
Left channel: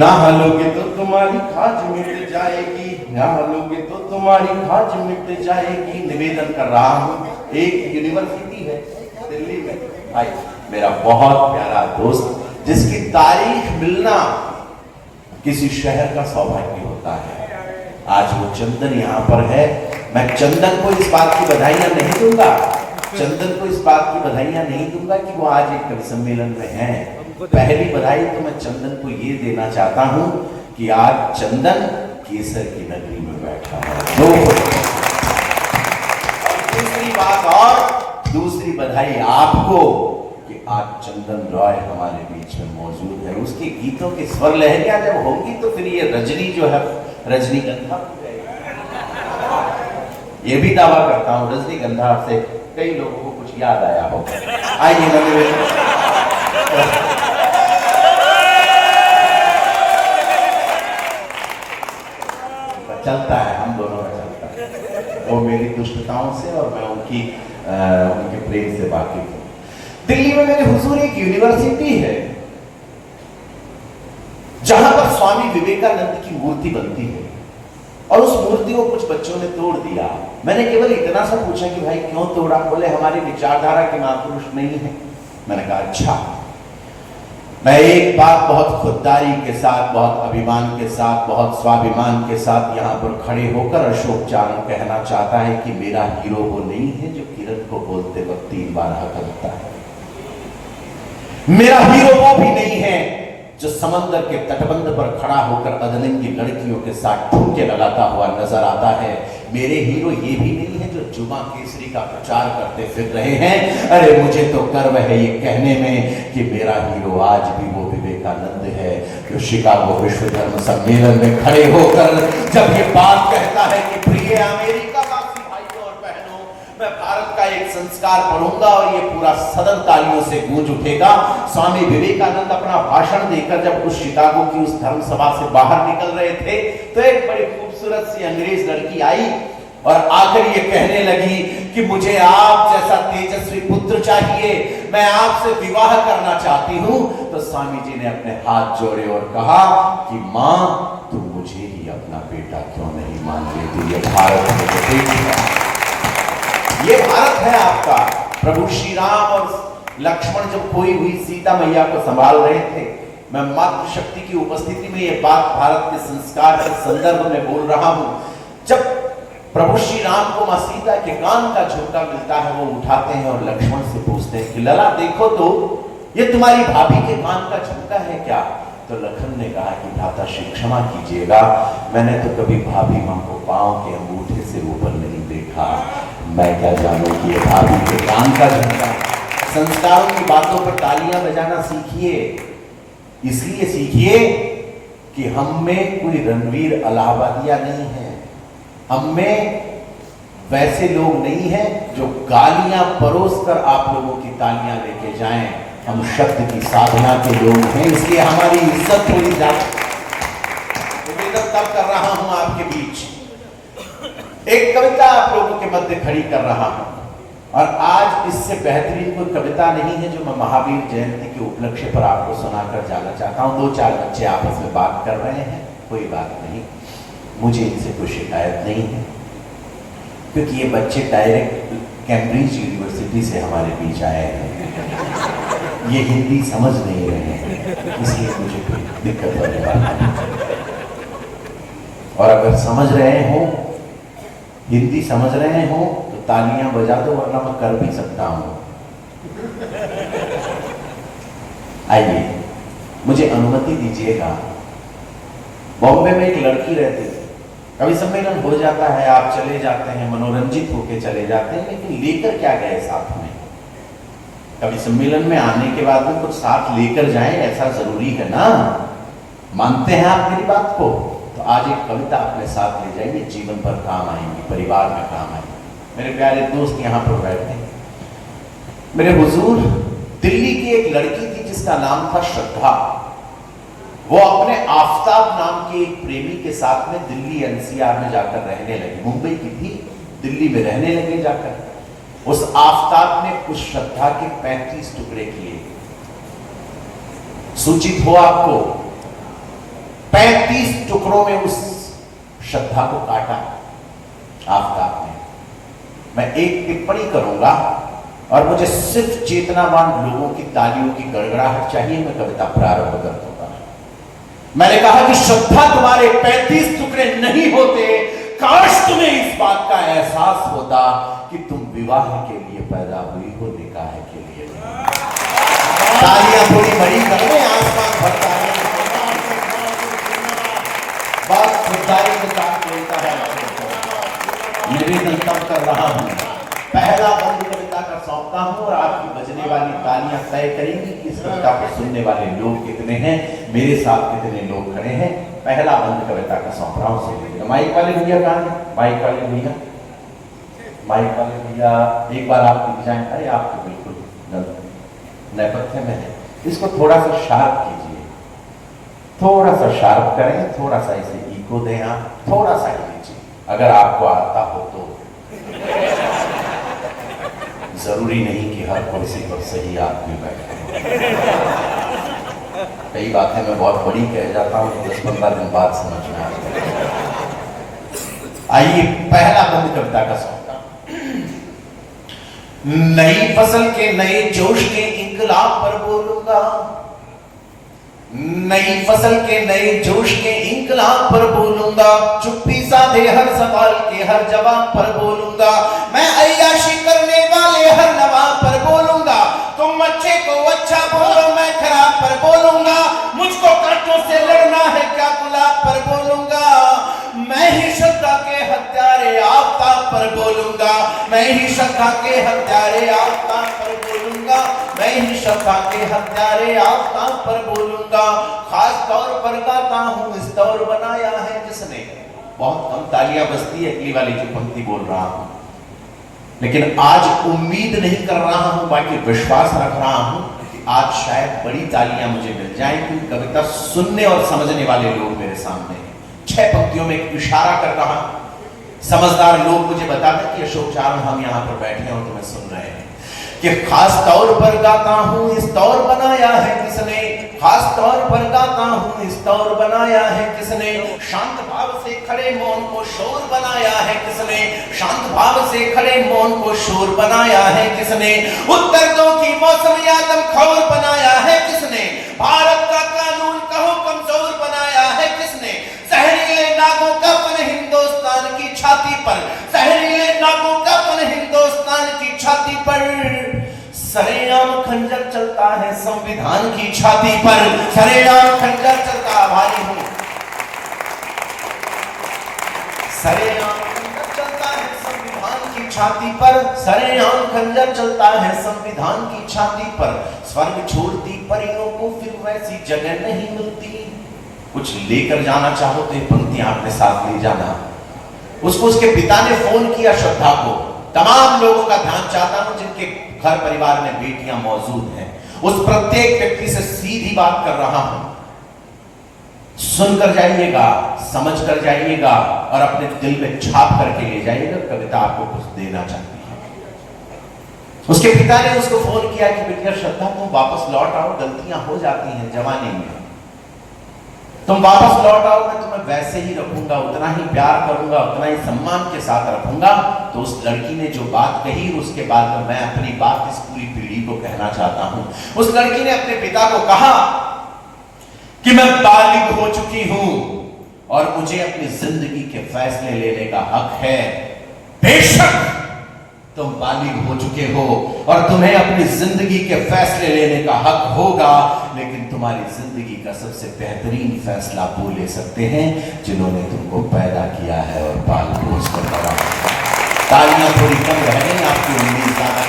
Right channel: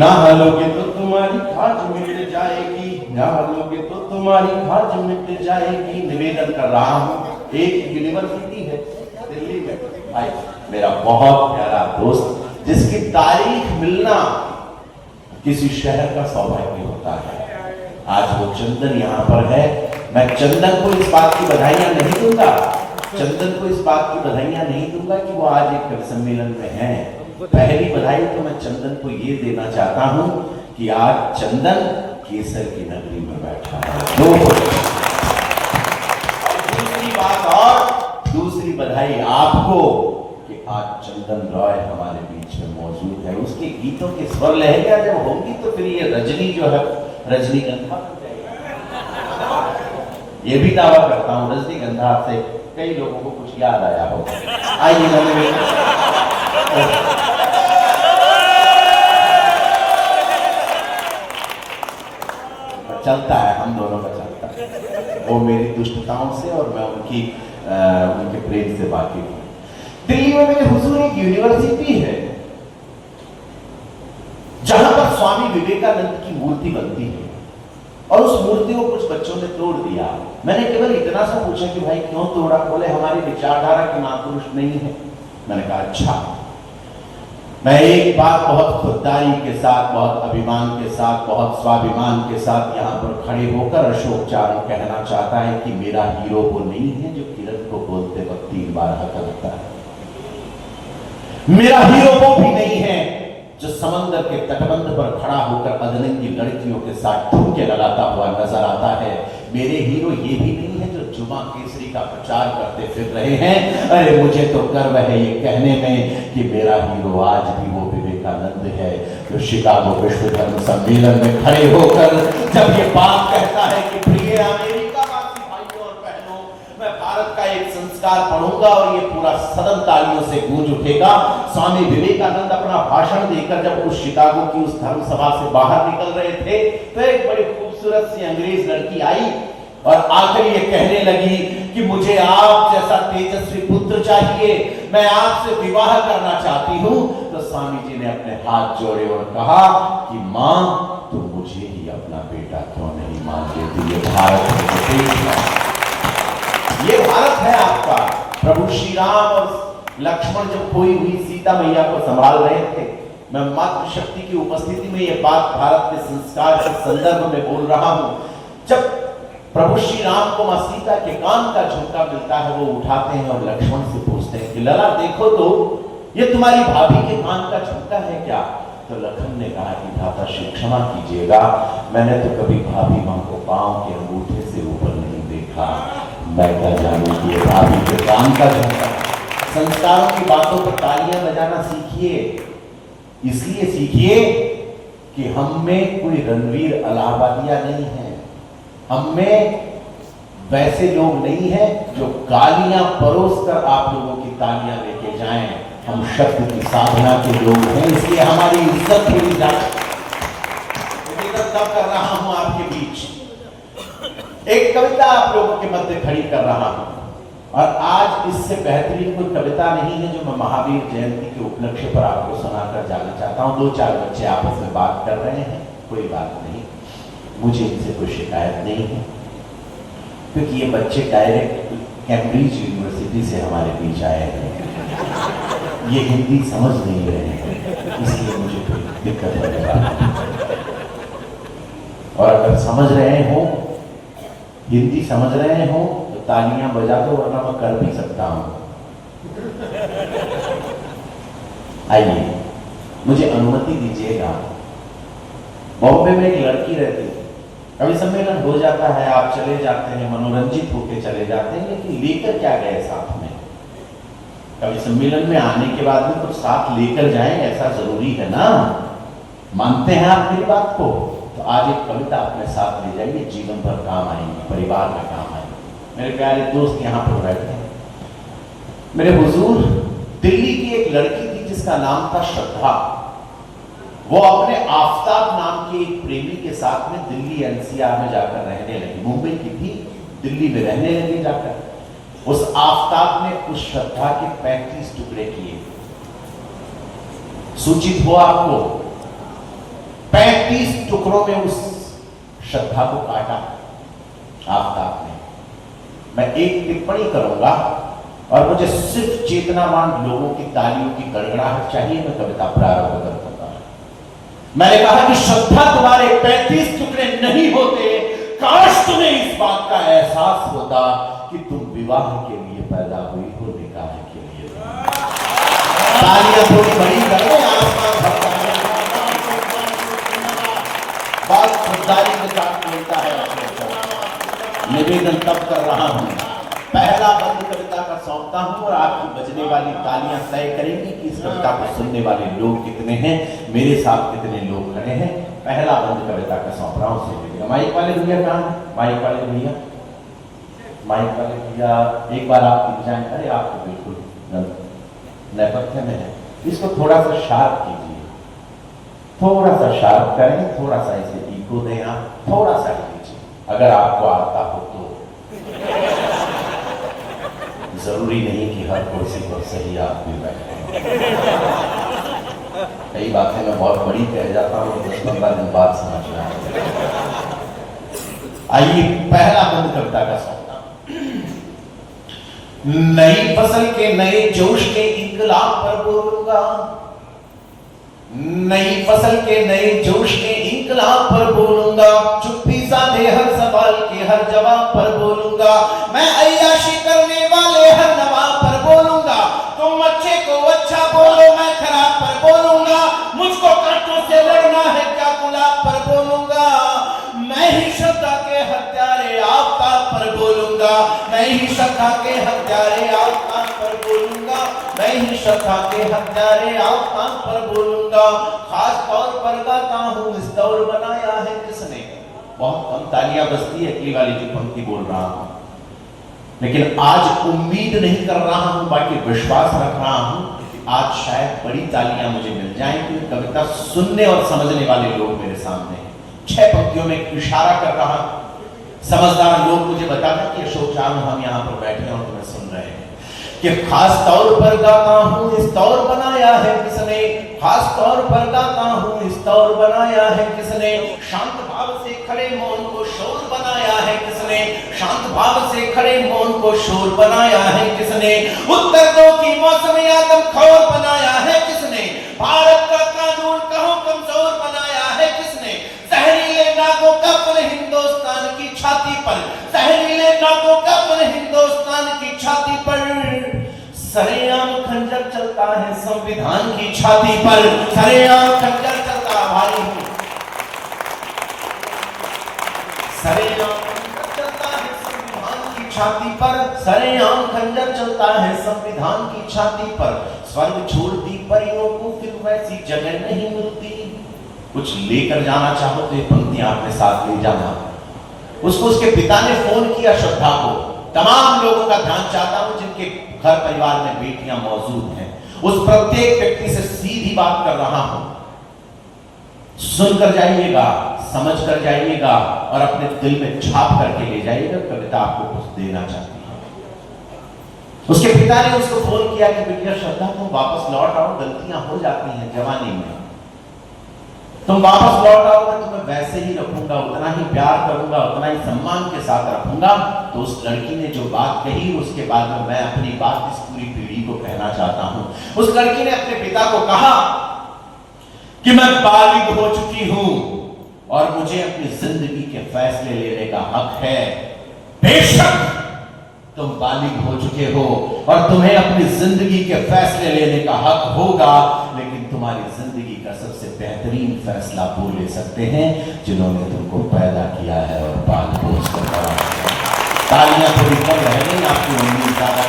नहाओगे तो तुम्हारी खाज मिट जाएगी, नहाओगे तो तुम्हारी खाज मिट जाएगी। निवेदन कर रहा हूं, एक यूनिवर्सिटी है दिल्ली में, भाई मेरा बहुत प्यारा दोस्त जिसकी तारीख मिलना किसी शहर का सौभाग्य होता है। आज वो चंदन यहाँ पर है। मैं चंदन को इस बात की बधाइयां नहीं दूंगा, चंदन को इस बात की बधाइयां नहीं दूंगा कि वो आज एक कवि सम्मेलन में है। पहली बधाई तो मैं चंदन को ये देना चाहता हूं कि आज चंदन केसर की नगरी में बैठा है। दूसरी बात, और दूसरी बधाई आपको कि आज चंदन रॉय हमारे बीच में मौजूद है। उसके गीतों की स्वर लहरियां जब होंगी तो फिर ये रजनी जो है रजनीगंधा, ये भी दावा करता हूं रजनीगंधा से कई लोगों को कुछ याद आया हो। आइए चलता है, हम दोनों का चलता है, वो मेरी दुष्टताओं से और मैं उनके प्रेम से वाकिफ हूं। दिल्ली में मेरे हुजूर एक यूनिवर्सिटी है जहां पर स्वामी विवेकानंद की मूर्ति बनती है, और उस मूर्ति को कुछ बच्चों ने तोड़ दिया। मैंने केवल इतना सा पूछा कि भाई क्यों तोड़ा? बोले हमारी विचारधारा के महापुरुष नहीं है। मैंने कहा अच्छा। मैं एक बात बहुत खुददारी के साथ, बहुत अभिमान के साथ, बहुत स्वाभिमान के साथ यहाँ पर खड़े होकर अशोक चारण कहना चाहता है कि मेरा हीरो वो नहीं है जो किरण को बोलते वक्त 3 बार हकलता है। मेरा हीरो वो भी नहीं है जो समंदर के तटबंध पर खड़ा होकर अधलिंगी लड़कियों के साथ ठुमके लगाता हुआ नजर आता है। मेरे हीरो ये भी नहीं है जो जुमा केसरी का प्रचार करते फिर रहे हैं। अरे मुझे तो गर्व है ये कहने में कि मेरा हीरो आज भी वो विवेकानंद है जो शिकागो विश्व धर्म सम्मेलन में खड़े होकर जब ये बात कहता है कि प्रिय अमेरिका वासी भाइयों और बहनों, मैं भारत का एक संस्कार पढ़ूंगा और ये पूरा सदन तालियों से गूंज उठेगा। स्वामी विवेकानंद अपना भाषण देकर जब उस शिकागो की उस धर्म सभा से बाहर निकल रहे थे तो एक बड़ी खूबसूरत सी अंग्रेज लड़की आई और आकर ये कहने लगी कि मुझे आप जैसा तेजस्वी पुत्र चाहिए, मैं आपसे विवाह करना चाहती हूं। तो स्वामी जी ने अपने हाथ जोड़े और कहा कि मां, तुम मुझे ही अपना बेटा क्यों नहीं मान लेती? ये भारत है, ये भारत है आपका। प्रभु श्री राम और लक्ष्मण जब खोई हुई सीता मैया को संभाल रहे थे, मैं मातृशक्ति की उपस्थिति में ये बात भारत के संस्कार के संदर्भ में बोल रहा हूं। जब प्रभु श्री राम को मां सीता के कान का झुमका मिलता है, वो उठाते हैं और लक्ष्मण से पूछते हैं कि लला देखो तो ये तुम्हारी भाभी के कान का झुमका है क्या? तो लखन ने कहा कि भ्राता श्री क्षमा कीजिएगा, मैंने तो कभी भाभी मां को पांव के अंगूठे से ऊपर नहीं देखा, मैं क्या जानूं कि भाभी के कान का झुमका। संस्कारों की बातों पर तालियां बजाना सीखिए, इसलिए सीखिए कि हम में कोई रणवीर इलाहाबादिया नहीं है, हम में वैसे लोग नहीं हैं जो गालियां परोसकर आप लोगों की तालियां लेके जाएं। हम शब्द की साधना के लोग हैं, इसलिए हमारी इज्जत थोड़ी जाए। तब कर रहा हूं आपके बीच एक कविता आप लोगों के मध्य खड़ी कर रहा हूं, और आज इससे बेहतरीन कोई कविता नहीं है जो मैं महावीर जयंती के उपलक्ष्य पर आपको सुनाकर जाना चाहता हूं। 2-4 बच्चे आपस में बात कर रहे हैं, कोई बात नहीं, मुझे इनसे कोई शिकायत नहीं है, क्योंकि ये बच्चे डायरेक्ट कैम्ब्रिज यूनिवर्सिटी से हमारे बीच आए हैं। ये हिंदी समझ नहीं रहे हैं, इसलिए मुझे कोई दिक्कत होने वाला है। और अगर समझ रहे हो, हिंदी समझ रहे हो तो तालियां बजा दो, वरना मैं कर भी सकता हूं। आइए, मुझे अनुमति दीजिएगा। बॉम्बे में एक लड़की रहती है, कवि सम्मेलन हो जाता है, आप चले जाते हैं, मनोरंजित होकर चले जाते हैं, लेकिन लेकर क्या गए साथ में? कवि सम्मेलन में आने के बाद में कुछ साथ लेकर जाएं, ऐसा जरूरी है ना? मानते हैं आप मेरी बात को? तो आज एक कविता अपने साथ ले जाइए, जीवन भर काम आएंगी, परिवार में काम आएंगी। मेरे प्यारे दोस्त यहाँ पर बैठे हैं। मेरे हुजूर, दिल्ली की एक लड़की थी जिसका नाम था श्रद्धा। वो अपने आफताब नाम के एक प्रेमी के साथ में दिल्ली एनसीआर में जाकर रहने लगी। मुंबई की थी, दिल्ली में रहने लगी जाकर। उस आफताब ने उस श्रद्धा के 35 टुकड़े किए। सूचित हो आपको, 35 टुकड़ों में उस श्रद्धा को काटा आफताब ने। मैं एक टिप्पणी करूंगा और मुझे सिर्फ चेतनावान लोगों की तालियों की गड़गड़ाहट चाहिए, मैं कविता प्रारंभ करता हूं। मैंने कहा कि श्रद्धा तुम्हारे 35 टुकड़े नहीं होते, काश तुम्हें इस बात का एहसास होता कि तुम विवाह के लिए पैदा हुई हो, निकाह के लिए। तालियां थोड़ी बड़ी करो, आसमान भरता है। बात खुददारी के साथ बोलता है। निवेदन तब कर रहा हूं, पहला बंद कविता का सौंपता हूं और आपकी बजने वाली तालियां तय करेंगी कि इस कविता को सुनने वाले लोग कितने हैं, मेरे साथ कितने लोग खड़े हैं। पहला बंद कविता का सौंप रहा हूं, सुनिएगा। माइक वाले भैया कहां हैं? माइक वाले भैया, माइक वाले भैया, एक बार आप दिख जाएं। अरे आप तो बिल्कुल नेपथ्य में है, इसको थोड़ा सा शार्प कीजिए, थोड़ा सा शार्प करें, थोड़ा सा इसे इको दें, आप थोड़ा सा कीजिए, अगर आपको आता हो तो। जरूरी नहीं कि हर कुर्सी पर सही आदमी बैठे। कई बातें मैं बहुत बड़ी कह जाता हूँ, 10-15 दिन बाद समझ में आता है। आइए पहला बंद कविता का सौदा। नई फसल के नए जोश के इंकलाब पर बोलूंगा, नई फसल के नए जोश के इंकलाब पर बोलूंगा, चुप्पी साधे हर सवाल के हर जवाब पर बोलूंगा, मैं अय्याशी करने वाले हर नवाब पर बोलूंगा, तुम अच्छे को अच्छा बोलो मैं खराब पर बोलूंगा, मुझको कांटों से लड़ना है क्या गुलाब पर बोलूंगा, मैं ही श्रद्धा के हत्यारे आफ्ताब पर बोलूंगा, मैं ही श्रद्धा के हत्यारे आफ्ताब पर बोलूंगा, मैं ही श्रद्धा के हत्यारे आफ्ताब पर बोलूंगा, खास तौर पर गाता हूं इस दौर बनाया है किसने। बहुत कम तालियां बजती है अगली वाली जो पंक्ति बोल रहा हूं, लेकिन आज उम्मीद नहीं कर रहा हूं बाकी विश्वास रख रहा हूं कि आज शायद बड़ी तालियां मुझे मिल जाएं, क्योंकि कविता सुनने और समझने वाले लोग मेरे सामने हैं। 6 पंक्तियों में एक इशारा कर रहा, समझदार लोग मुझे बताते कि अशोक चारण हम यहां पर बैठे हैं और तुम्हें सुन रहे हैं, कि खास तौर पर गाता हूं इस दौर बनाया है किसने, खास तौर पर गाता हूं इस दौर बनाया है किसने, शांत भाव से खड़े मौन को शोर बनाया है किसने, शांत भाव से खड़े मौन को शोर बनाया है किसने, उत्तर दो की मौसम यादम खौर बनाया है किसने, भारत का कानून कहो कमजोर बनाया है किसने, जहरीले नागों का पन हिंदुस्तान की छाती पर, जहरीले नागों का पन हिंदुस्तान की छाती पर, सरेआम खंजर चलता है संविधान की छाती पर, सरेआम खंजर चलता भाई हूं, सरेआम खंजर चलता है संविधान की छाती पर, सरेआम खंजर चलता है संविधान की छाती पर, स्वर्ग छोड़ती परियों को फिर वैसी जगह नहीं मिलती। कुछ लेकर जाना चाहो तो ये पंक्तियां अपने साथ ले जाना। उसको उसके पिता ने फोन किया श्रद्धा को, तमाम लोगों का ध्यान चाहता हूं जिनके घर परिवार में बेटियां मौजूद हैं, उस प्रत्येक व्यक्ति से सीधी बात कर रहा हूं, सुनकर जाइएगा, समझ कर जाइएगा और अपने दिल में छाप करके ले जाइएगा। कविता आपको कुछ देना चाहती है। उसके पिता ने उसको फोन किया कि बेटिया श्रद्धा तुम वापस लौट आओ, गलतियां हो जाती हैं जवानी में, तुम वापस लौट आओ, मैं तुम्हें वैसे ही रखूंगा, उतना ही प्यार करूंगा, उतना ही सम्मान के साथ रखूंगा। तो उस लड़की ने जो बात कही उसके बाद में मैं अपनी बात इस पूरी पीढ़ी को कहना चाहता हूं। उस लड़की ने अपने पिता को कहा कि मैं बालिग हो चुकी हूं और मुझे अपनी जिंदगी के फैसले लेने का हक है। बेशक तुम बालिग हो चुके हो और तुम्हें अपनी जिंदगी के फैसले लेने का हक होगा, लेकिन तुम्हारी जिंदगी का सबसे बेहतरीन फैसला वो ले सकते हैं जिन्होंने तुमको पैदा किया है और पाल पोस कर बड़ा किया। तालियां थोड़ी कम रह गई, आपकी उम्मीद ज्यादा।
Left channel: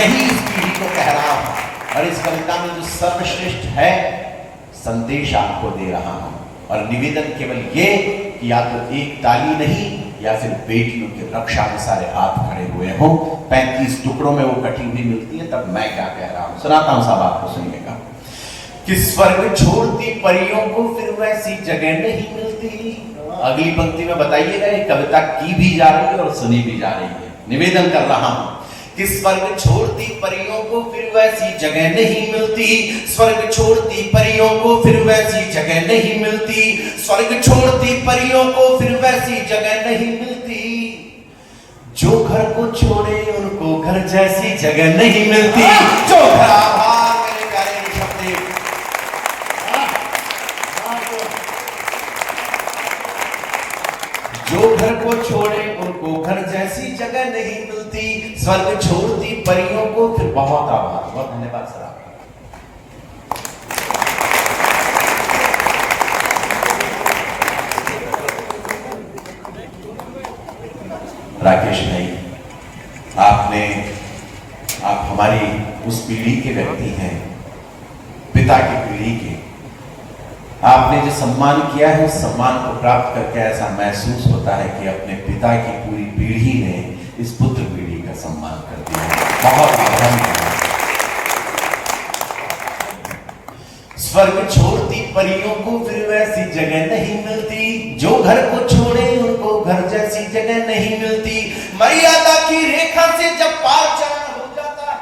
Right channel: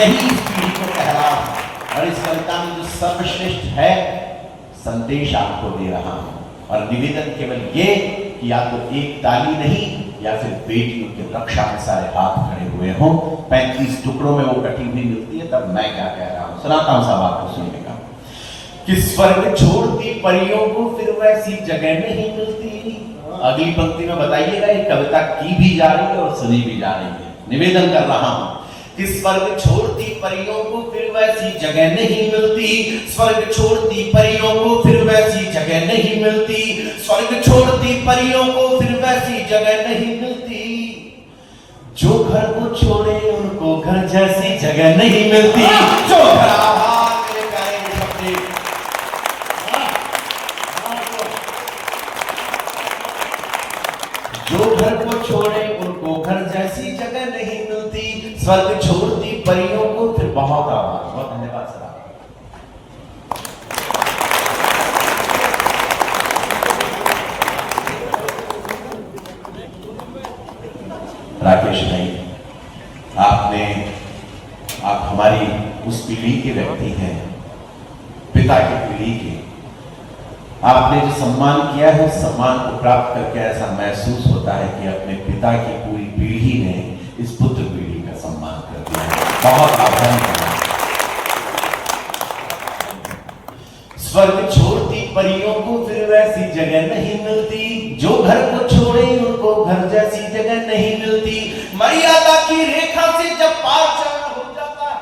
यही इस पीढ़ी को कह रहा हूं और इस कविता में जो सर्वश्रेष्ठ है संदेश आपको दे रहा हूं, और निवेदन केवल ये कि या तो एक ताली नहीं या फिर बेटियों की रक्षा में सारे हाथ खड़े हुए हों। 35 टुकड़ों में वो कटी हुई मिलती है, तब मैं क्या कह रहा हूं सुनाता हूं, साहब आपको सुनिएगा। कि स्वर्ग छोड़ती परियों को फिर वैसी जगह नहीं मिलती। अगली पंक्ति में बताइएगा, ये कविता की भी जा रही है और सुनी भी जा रही है। निवेदन कर रहा हूं कि स्वर्ग छोड़ती परियों को फिर वैसी जगह नहीं मिलती, स्वर्ग छोड़ती परियों को फिर वैसी जगह नहीं मिलती, स्वर्ग छोड़ती परियों को फिर वैसी जगह नहीं मिलती, जो घर को छोड़े उनको घर जैसी जगह नहीं मिलती। जो घर मेरे प्यारे शब्द, जो घर को छोड़े उनको घर जैसी जगह नहीं मिलती, स्वर्ग छोड़ती परियों को फिर बहुत आभार। बहुत धन्यवाद सर। राकेश भाई, आप हमारी उस पीढ़ी के व्यक्ति हैं, पिता की पीढ़ी के। आपने जो सम्मान किया है उस सम्मान को प्राप्त करके ऐसा महसूस होता है कि अपने पिता की पूरी पीढ़ी ने इस पुत्र पीढ़ी का सम्मान कर दिया। बहुत आभार। स्वर्ग छोड़ती परियों को फिर वैसी जगह नहीं मिलती, जो घर को छोड़े उनको घर जैसी जगह नहीं मिलती, मर्यादा की रेखा से जब पार चलना हो जाता है,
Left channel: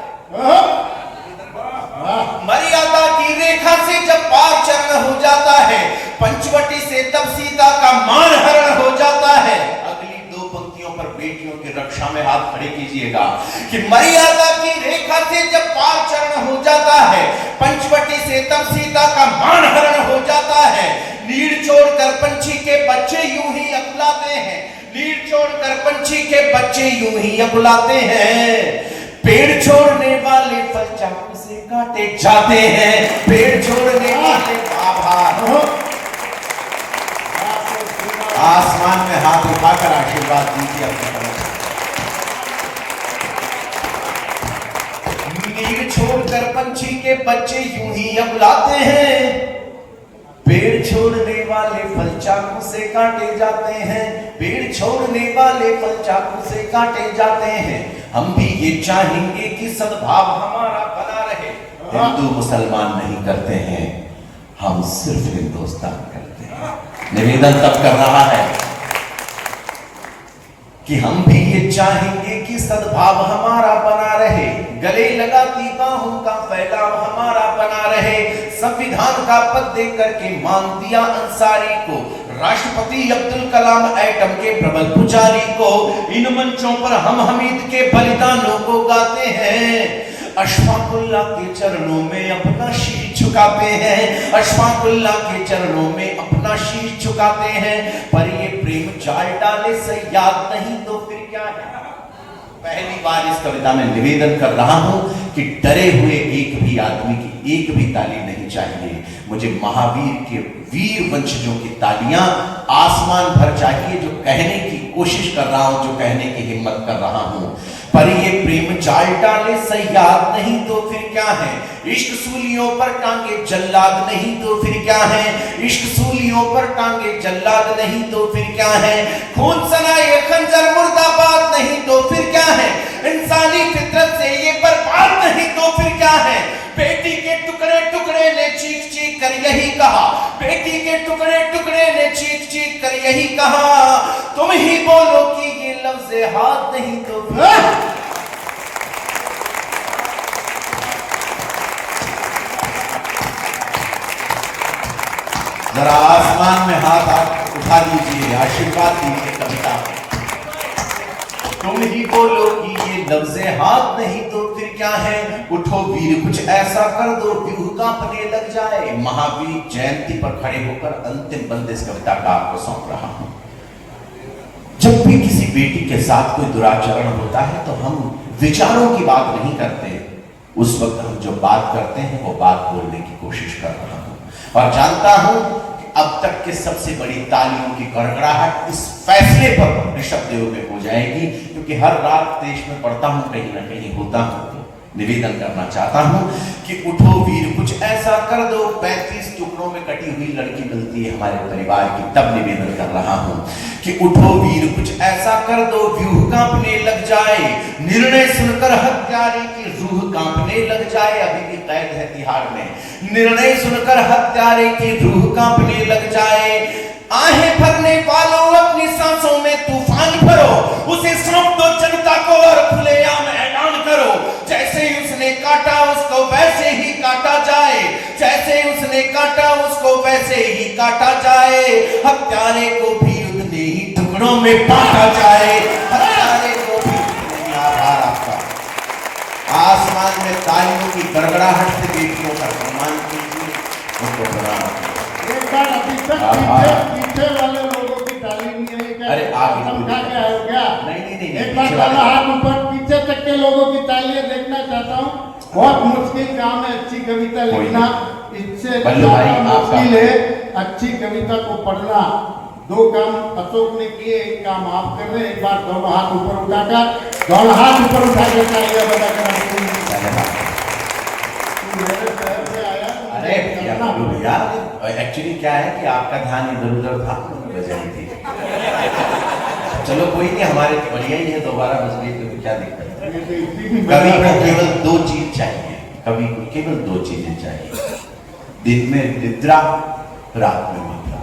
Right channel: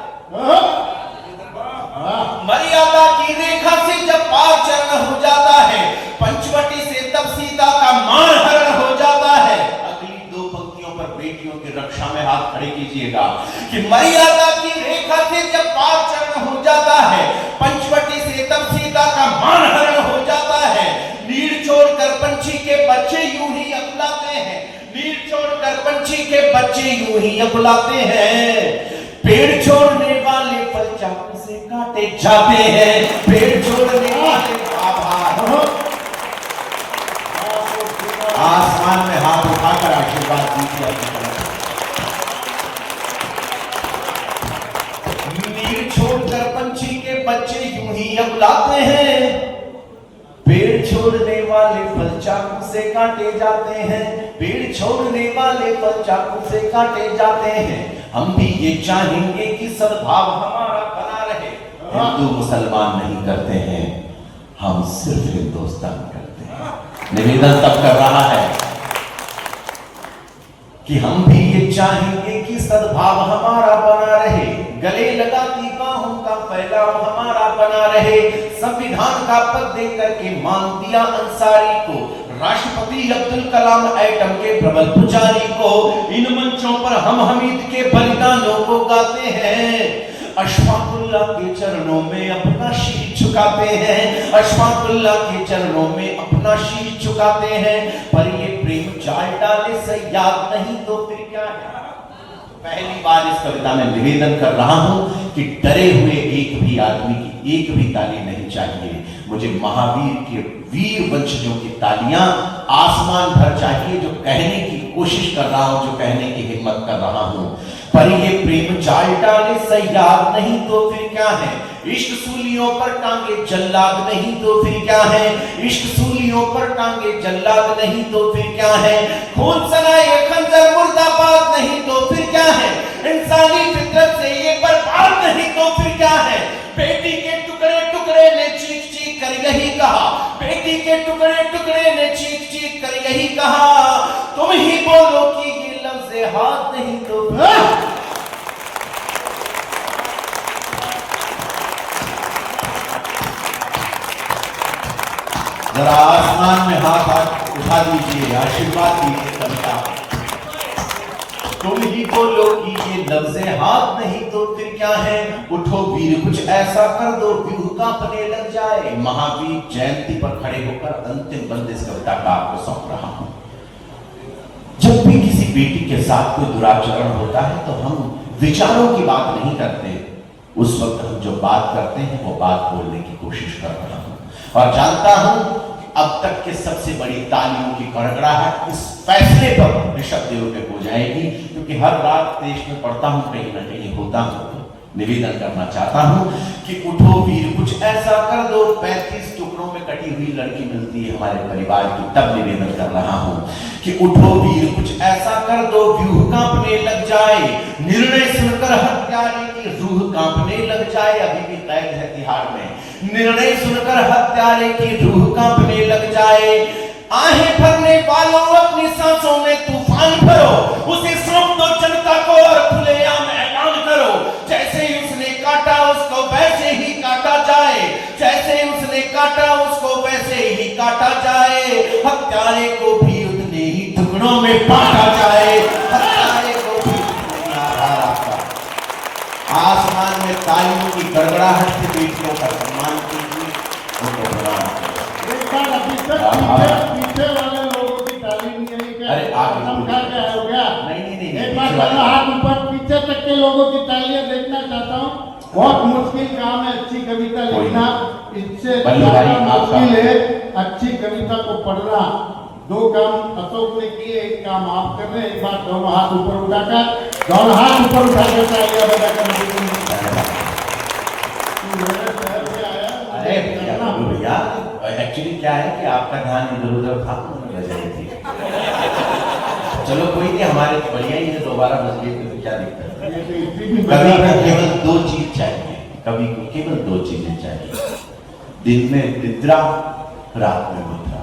मर्यादा की रेखा से जब पार चलना हो जाता है, पंचवटी से तब सीता का मानहरण हो जाता है। अगली दो पंक्तियों पर बेटियों की रक्षा में हाथ खड़े कीजिएगा कि मर्यादा की रेखा से जब पार चरण हो जाता है, पंचवटी से तब सीता का मानहरण हो जाता है। नीड़ छोड़कर पंछी के बच्चे यूं ही अकुलाते हैं, नीड़ छोड़कर पंछी के बच्चे यूं ही अकुलाते हैं। पेड़ छोड़ने वाले फल चाकू से काटे जाते हैं, पेड़ छोड़ने वाले आसमान में हाथ उठाकर आशीर्वाद दीजिए। नीड़ छोड़कर पंछी के बच्चे यूं ही अकुलाते हैं, पेड़ छोड़ने वाले फल चाकू से काटे जाते हैं, पेड़ छोड़ने वाले फल चाकू से काटे जाते हैं। हम भी ये चाहेंगे कि सद्भाव हमारा बना रहे। हिंदू मुसलमान नहीं करते हैं, हम सिर्फ हिंदुस्तान करते हैं। निवेदन तब कर रहा है कि हम भी ये चाहेंगे कि सद्भाव हमारा बना रहे, गले लगाती बाहों का फैलाव हमारा बना रहे। संविधान का पद दे करके मान दिया अंसारी को, राष्ट्रपति अब्दुल कलाम एटम के प्रबल पुजारी को। इन मंचों पर हम हमीद के बलिदानों को गाते हैं, अशफाकुल्लाह के चरणों में अपना शीश झुकाते हैं, अशफाकुल्लाह के चरणों में अपना शीश झुकाते हैं। पर ये प्रेम चाल डाले सयाद नहीं तो फिर क्या है। पहली बार इस कविता में निवेदन कर रहा हूं कि डरे हुए एक भी आदमी की एक भी ताली नहीं चाहिए। मुझे महावीर के वीर वंशजों की तालियां आसमान भर चाहिए, जो कहने की कोशिश कर रहा हूं, जो कहने की हिम्मत कर रहा हूं। पर ये प्रेम चाल डाले सयाद नहीं तो फिर क्या है। इश्क सूलियों पर टांगे जल्लाद नहीं तो फिर क्या है, इश्क सूलियों पर टांगे जल्लाद नहीं तो फिर क्या है। खून सनाए खंजर मुर्दाबाद नहीं तो फिर क्या है, इंसानी फितरत से ये बर्बाद नहीं तो फिर क्या है। बेटी के टुकड़े टुकड़े ने चीख चीख कर यही कहा, बेटी के टुकड़े टुकड़े ने चीख चीख कर यही कहा, तुम ही बोलो कि ये लफ्ज़ हाथ नहीं तो जरा आसमान में हाथ उठा लीजिए, आशीर्वाद दीजिए कविता। तुम ही बोलो कि ये लफ्ज़े हाथ नहीं तो फिर क्या है। उठो वीर कुछ ऐसा कर दो व्यूह कांपने लग जाए। महावीर जयंती पर खड़े होकर अंतिम बंद इस कविता का आपको सौंप रहा हूं। जब भी किसी बेटी के साथ कोई दुराचरण होता है तो हम विचारों की बात नहीं करते, उस वक्त हम जो बात करते हैं वो बात बोलने की कोशिश कर रहा हूं। और जानता हूं कि अब तक के सबसे बड़ी तालियों की गड़गड़ाहट इस फैसले पर ऋषभ देव पे हो जाएगी, क्योंकि हर रात देश में पढ़ता हूं, कहीं ना कहीं होता हूं, तो निवेदन करना चाहता हूं कि उठो वीर कुछ ऐसा कर दो। 35 टुकड़ों में कटी हुई लड़की मिलती है हमारे परिवार की, तब निवेदन कर रहा हूं कि उठो वीर कुछ ऐसा कर दो व्यूह कांपने लग जाए। निर्णय सुनकर हत्यारे की रूह कांपने लग जाए। अभी भी कैद है तिहाड़ में। निर्णय सुनकर हत्यारे की रूह कांपने लग जाए। आहें भरने वालों अपनी सांसों में तूफान भरो, उसे सौंप दो जनता को और खुलेआम ऐलान करो। जैसे उसने काटा उसको वैसे ही काटा जाए, जैसे उसने काटा उसको वैसे ही काटा जाए। हत्यारे को भी उतने ही टुकड़ों में बांटा जाए, हत्यारे को भी। आभार आपका। आसमान में तालियों की गड़गड़ाहट से बेटियों का सम्मान कीजिए। पीछे वाले लोगों की तालीम के लिए क्या? अरे आप हो गया? नहीं एक बार हाथ ऊपर, पीछे तक के लोगों की तालियां देखना चाहता हूँ। बहुत मुश्किल काम है अच्छी कविता लिखना, इससे मुश्किल है अच्छी कविता को पढ़ना। दो काम अशोक ने किए, एक काम आप कर रहे हैं। एक बार दोनों हाथ ऊपर उठाकर, दोनों हाथ ऊपर उठाकर तालियां बजाकर भैया, एक्चुअली क्या है कि आपका ध्यान इधर उधर था, बजाई थी। चलो कोई नहीं, हमारे बढ़िया ही है, दोबारा मजबूत तो क्या दिक्कत है। कभी को केवल दो चीज चाहिए, कभी को केवल दो चीजें चाहिए। दिन में निद्रा, रात में मुद्रा।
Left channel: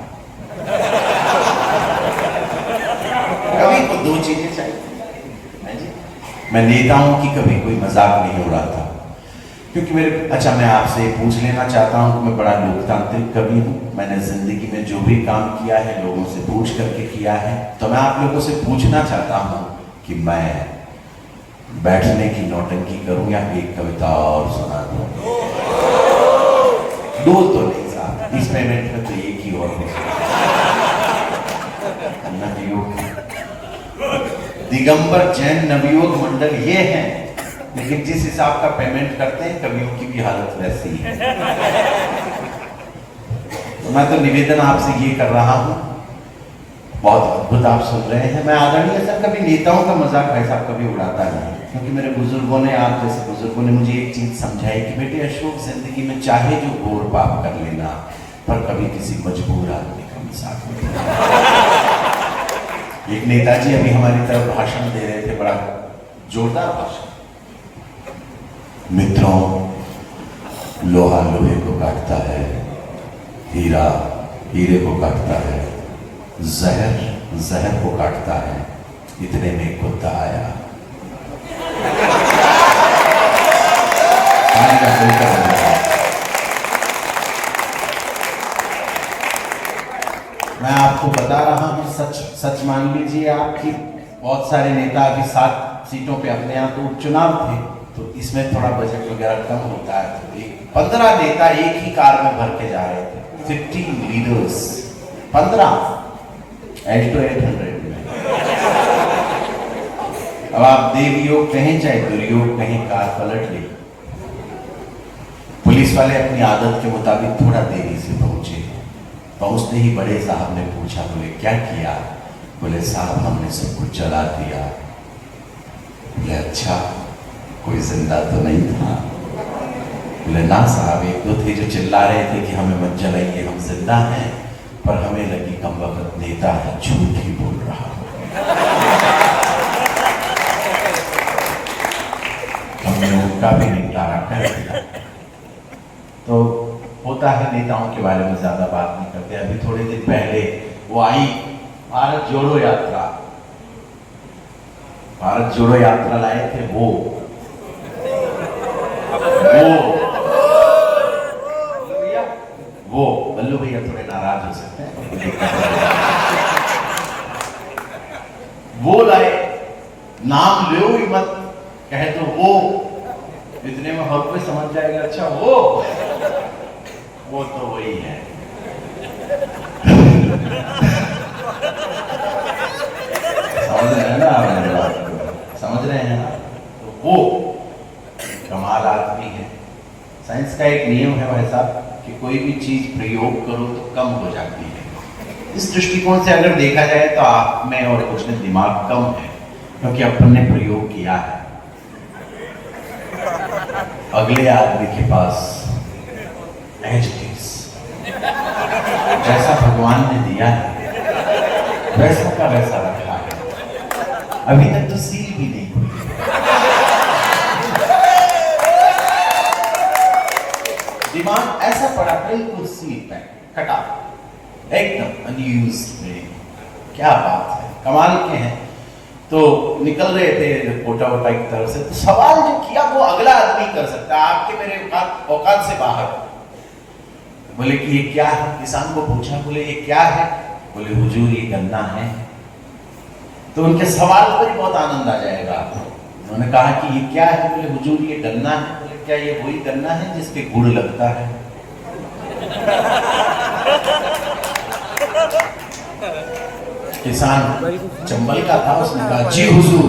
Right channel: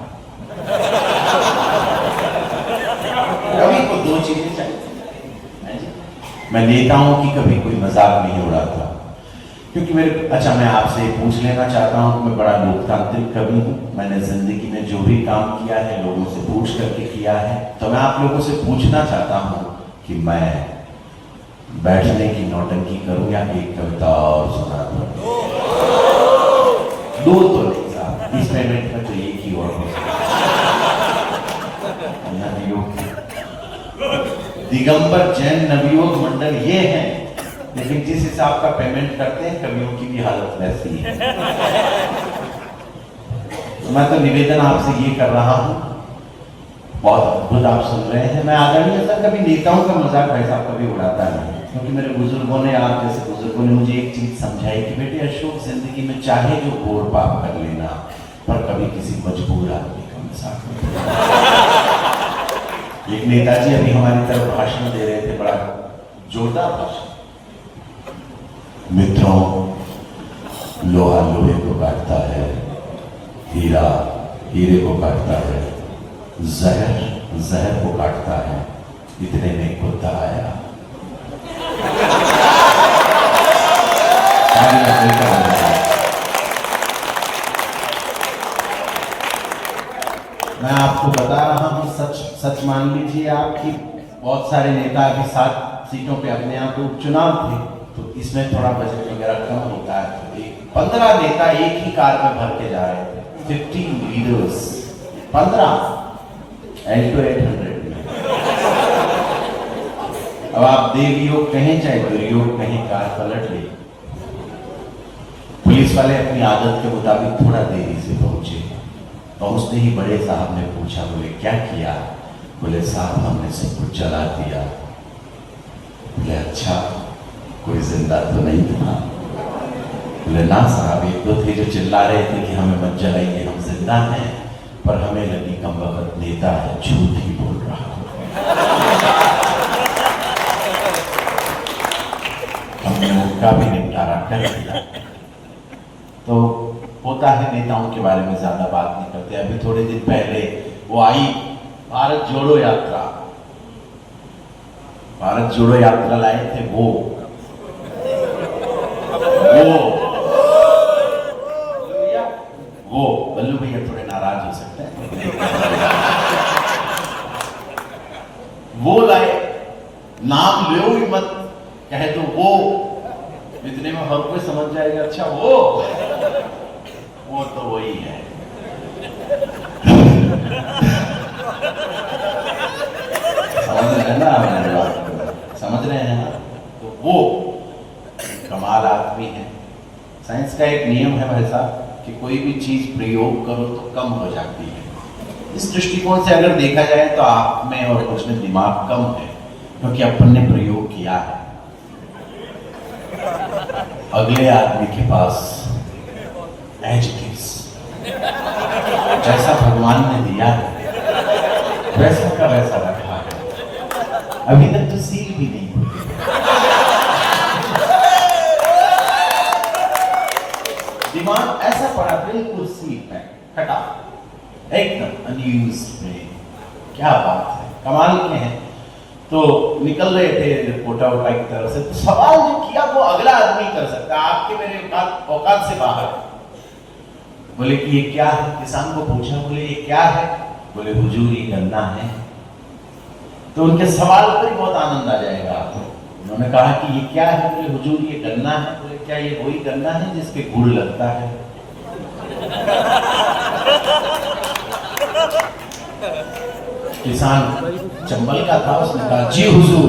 कभी को दो चीजें चाहिए। मैं नेताओं की कभी कोई मजाक नहीं उड़ाता, क्योंकि मेरे अच्छा मैं आपसे पूछ लेना चाहता हूँ कि मैं बड़ा लोकतांत्रिक कवि हूँ। मैंने जिंदगी में जो भी काम किया है लोगों से पूछ करके किया है। तो मैं आप लोगों से पूछना चाहता हूँ कि मैं बैठने की नौटंकी करूं या एक कविता और सुना दूं? दो तो नहीं साहब, इस पेमेंट में तो एक ही और नवयोग दिगंबर जैन नवयोग मंडल ये है, लेकिन जिस हिसाब का पेमेंट करते हैं कवियों की भी हालत वैसी है। मैं तो निवेदन आपसे ये कर रहा हूं, बहुत अद्भुत आप सुन रहे हैं। मैं आदरणीय सर कभी नेताओं का मजाक ऐसा कभी उड़ाता नहीं, क्योंकि मेरे बुजुर्गों ने, आप जैसे बुजुर्गों ने मुझे एक चीज समझाई कि बेटे अशोक जिंदगी में चाहे जो गोर पाप कर लेना, पर कभी किसी मजबूर आदमी का मजाक नहीं। एक नेताजी अभी हमारी तरफ भाषण दे रहे थे, बड़ा जोरदार भाषण। मित्रों, लोहा लोहे को काटता है, हीरा हीरे को काटता है, जहर जहर को काटता है, इतने में एक बुद्धा आया। मैं आपको बता रहा हूं, सच सच मान लीजिए आपकी बहुत सारे नेता अभी 7 सीटों पे अपने यहाँ तो उपचुनाव थे, तो इसमें थोड़ा बजट वगैरह कम होता है। तो 15 नेता एक ही कार में भर के जा रहे थे, 15 लीडर्स, 15 8 to 800 में। अब आप देवयोग कहें चाहे दुर्योग कहें, कार पलट ली। पुलिस वाले अपनी आदत के मुताबिक थोड़ा देरी से पहुंचे। पहुंचते ही बड़े साहब ने पूछा, बोले क्या किया? बोले साहब हमने सब कुछ जला दिया। बोले अच्छा, कोई जिंदा तो नहीं था? बोले ना साहब, 1-2 थे जो चिल्ला रहे थे कि हमें मत जलाइए, हम जिंदा हैं, पर हमें लगी कमबख्त नेता है, झूठ ही बोल रहा। हमने उनका भी निपटारा कर दिया। तो होता है, नेताओं के बारे में ज्यादा बात नहीं करते। अभी थोड़े दिन पहले वो आई भारत जोड़ो यात्रा, भारत जोड़ो यात्रा लाए थे वो बल्लू भैया थोड़े नाराज हो सकते हैं। वो लाए, नाम लो ही मत, कहे तो वो, इतने में हर कोई समझ जाएगा अच्छा वो तो वही है। समझ रहे हैं? तो वो कमाल आदमी है। साइंस का एक नियम है मेरे साथ कि कोई भी चीज प्रयोग करो तो कम हो जाती है। इस दृष्टिकोण से अगर देखा जाए तो आप में और कुछ में दिमाग कम है, क्योंकि अपन ने प्रयोग किया है। अगले आदमी के पास एज इट इज, जैसा भगवान ने दिया है वैसा का वैसा रखा है। अभी तक तो सील भी नहीं हुई। दिमाग ऐसा पड़ा, बिल्कुल सील है, कटा, एकदम अनयूज्ड ब्रेन। क्या बात है, कमाल के हैं। तो निकल रहे थे कोटा वोटा की तरफ से, तो सवाल जो किया वो अगला आदमी कर सकता है, आपके मेरे औकात से बाहर। बोले कि ये क्या है? किसान को पूछा, बोले ये क्या है? बोले हुजूर ये गन्ना है। तो उनके सवाल पर ही बहुत आनंद आ जाएगा आपको। उन्होंने कहा कि ये क्या है? बोले हुजूर ये गन्ना है। बोले क्या ये वही गन्ना है जिसके गुड़ लगता है? किसान चंबल का था, उसने कहा जी हुजूर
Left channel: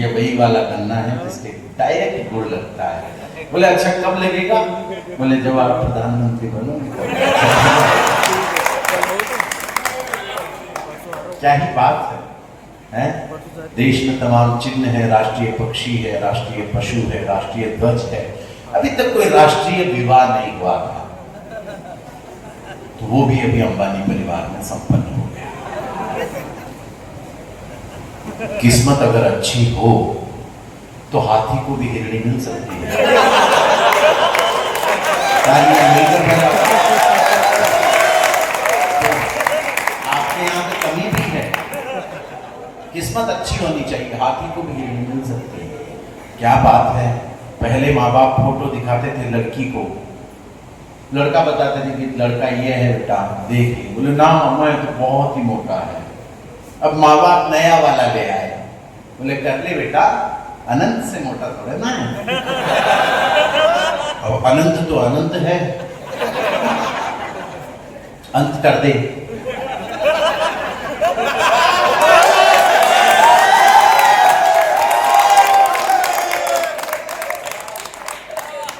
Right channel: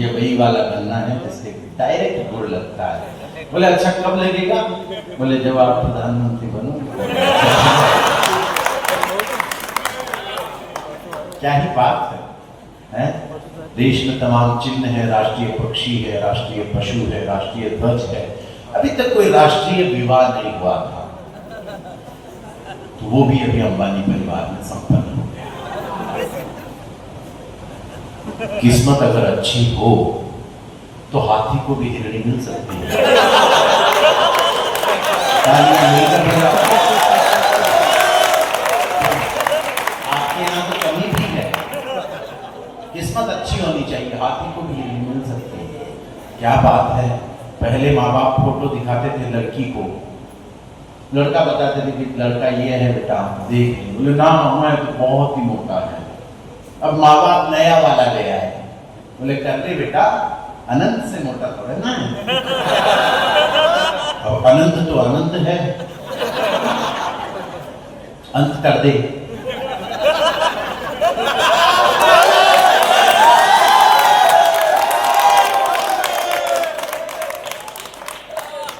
ये वही वाला गन्ना है जिसके डायरेक्ट गुड़ लगता है। बोले अच्छा कब लगेगा? बोले जब आप प्रधानमंत्री बनोगे। क्या ही बात है? देश में तमाम चिन्ह है, राष्ट्रीय पक्षी है, राष्ट्रीय पशु है, राष्ट्रीय ध्वज है। अभी तक कोई राष्ट्रीय विवाह नहीं हुआ था, तो वो भी अभी अंबानी परिवार में संपन्न हो गया। किस्मत अगर अच्छी हो तो हाथी को भी हिरणी मिल सकती है। आपके यहाँ तो कमी भी है, किस्मत अच्छी होनी चाहिए, हाथी को भी हिरणी मिल सकती है। क्या बात है। पहले माँ बाप फोटो दिखाते थे लड़की को, लड़का बताते थे कि लड़का ये है बेटा देख लो, बोले ना मामा तो बहुत ही मोटा है। अब माँ बाप नया वाला ले आए, बोले कर ले बेटा अनंत से मोटा थोड़ा ना है। अब अनंत तो अनंत है, अंत कर दे।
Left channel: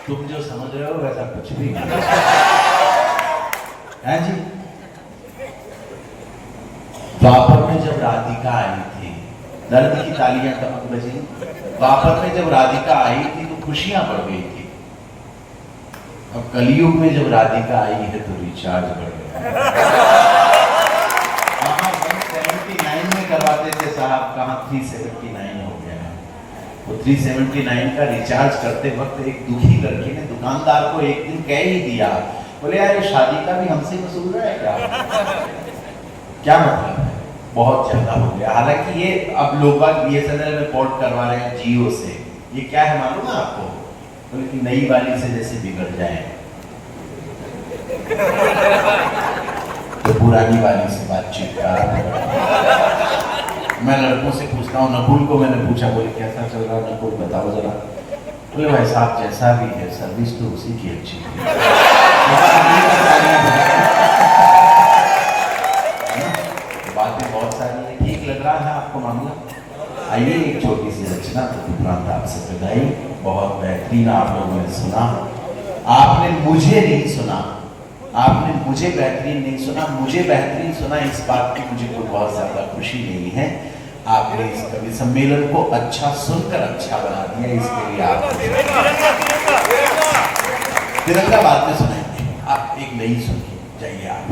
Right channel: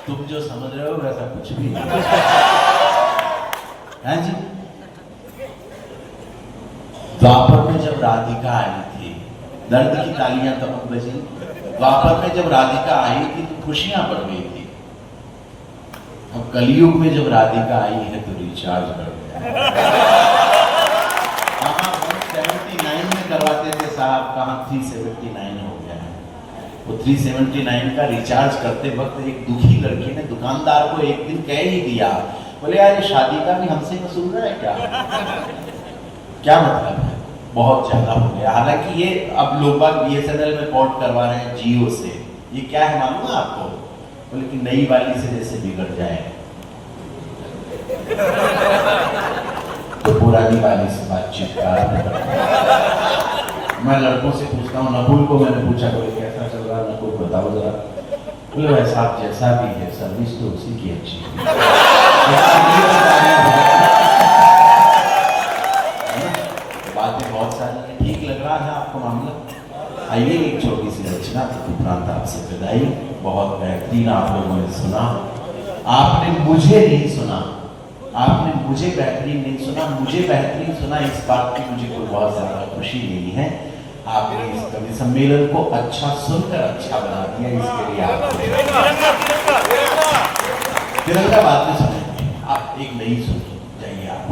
तुम जो समझ रहे हो वैसा कुछ भी नहीं है जी। द्वापर में जब राधिका आई थी, दर्द की तालियां कब बजी? द्वापर में जब राधिका आई थी तो खुशियां बढ़ गई थी, और कलयुग में जब राधिका आई है तो रिचार्ज बढ़ गया। 179 में करवाते थे साहब, कहाँ 379 हो गया है। तो 379 का रिचार्ज करते वक्त एक दुखी लड़की ने दुकानदार को एक दिन कह ही दिया, बोले यार ये शादी का भी हमसे वसूल रहा है क्या? क्या मतलब है? बहुत ज्यादा हो गया। हालांकि ये अब लोग बात BSNL में पोर्ट करवा रहे हैं जियो से। ये क्या है मालूम है आपको? बोले कि नई वाली से जैसे बिगड़ जाए तो पुरानी वाली से बातचीत करा। मैं लड़कों से पूछता हूँ, नकुल को मैंने पूछा, बोले कैसा चल रहा है नकुल बताओ जरा। बोले वैसा आप जैसा भी है सर्विस तो उसी की अच्छी है। बातें बहुत सारी हैं, ठीक लग रहा है आपको मामला? आइए एक छोटी सी रचना उपरांत आपसे विदाई। बहुत बेहतरीन आप लोगों ने सुना, आपने मुझे नहीं सुना, आपने मुझे बेहतरीन नहीं सुना, मुझे बेहतरीन सुना। इस बात की मुझे कोई बहुत ज्यादा खुशी नहीं है। आपने इस कवि सम्मेलन को अच्छा सुनकर अच्छा बना दिया, इसके लिए आप तिरंगा बात में सुनाएंगे। आप एक नई सुन जाइए आप।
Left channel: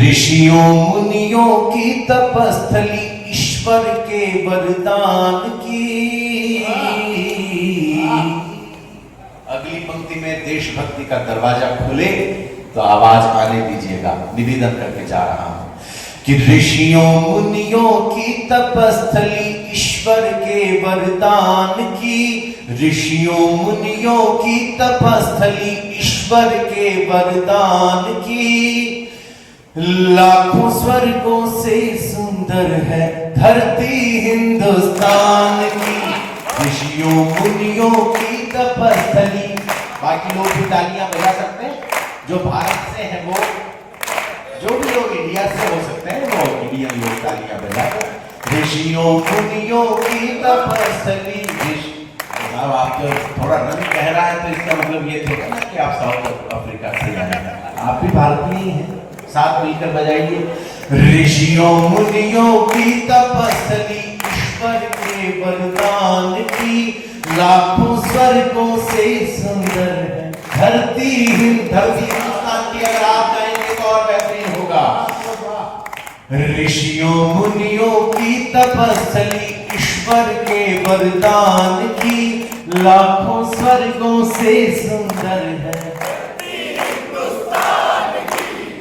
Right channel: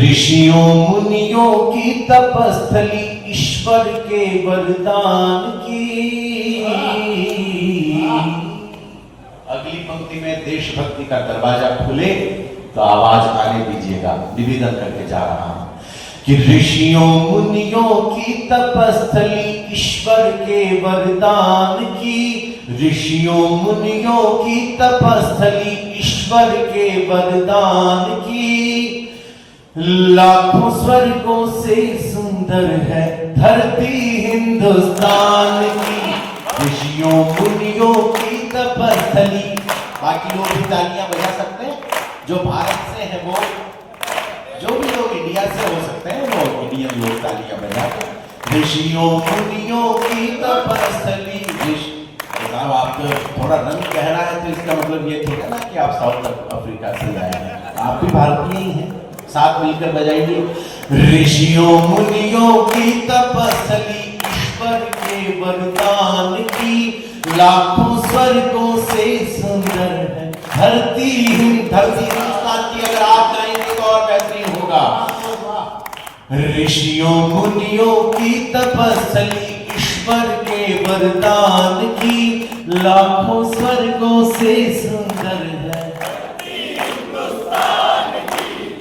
ऋषियों मुनियों की तपस्थली ईश्वर के वरदान की। अगली पंक्ति में देशभक्ति का दरवाजा खुले तो आवाज आने दीजिएगा। निवेदन करके जा रहा हूं कि ऋषियों मुनियों की तपस्थली ईश्वर के वरदान की। ऋषियों मुनियों की तपस्थली ईश्वर के वरदान की। लाखों स्वर्गों से सुंदर है धरती हिंदुस्तान की। ऋषियों मुनियों की तपस्थली। बाकी लोग भी तालियां बजा सकते हैं, जो भारत से है वो, जो भी लोग इंडिया से हो सकते हैं वो इंडियन लोग तालियां बजाते। ऋषियों मुनियों की तपस्थली। अब आप जो थोड़ा रंग कह रहा है तो इसका मतलब ये थोड़ा ना कि आप साउथ अफ्रीका से आए हैं, आप भी भारतीय ही हैं। साथ मिलकर बजाइए। ऋषियों मुनियों की तपस्थली ईश्वर के वरदान की। लाखों स्वर्गों से सुंदर है धरती हिंदुस्तान की। अगर आप गाएंगे तो और बेहतरीन होगा। ऋषियों मुनियों की तपस्थली ईश्वर के वरदान की। लाखों स्वर्गों से सुंदर है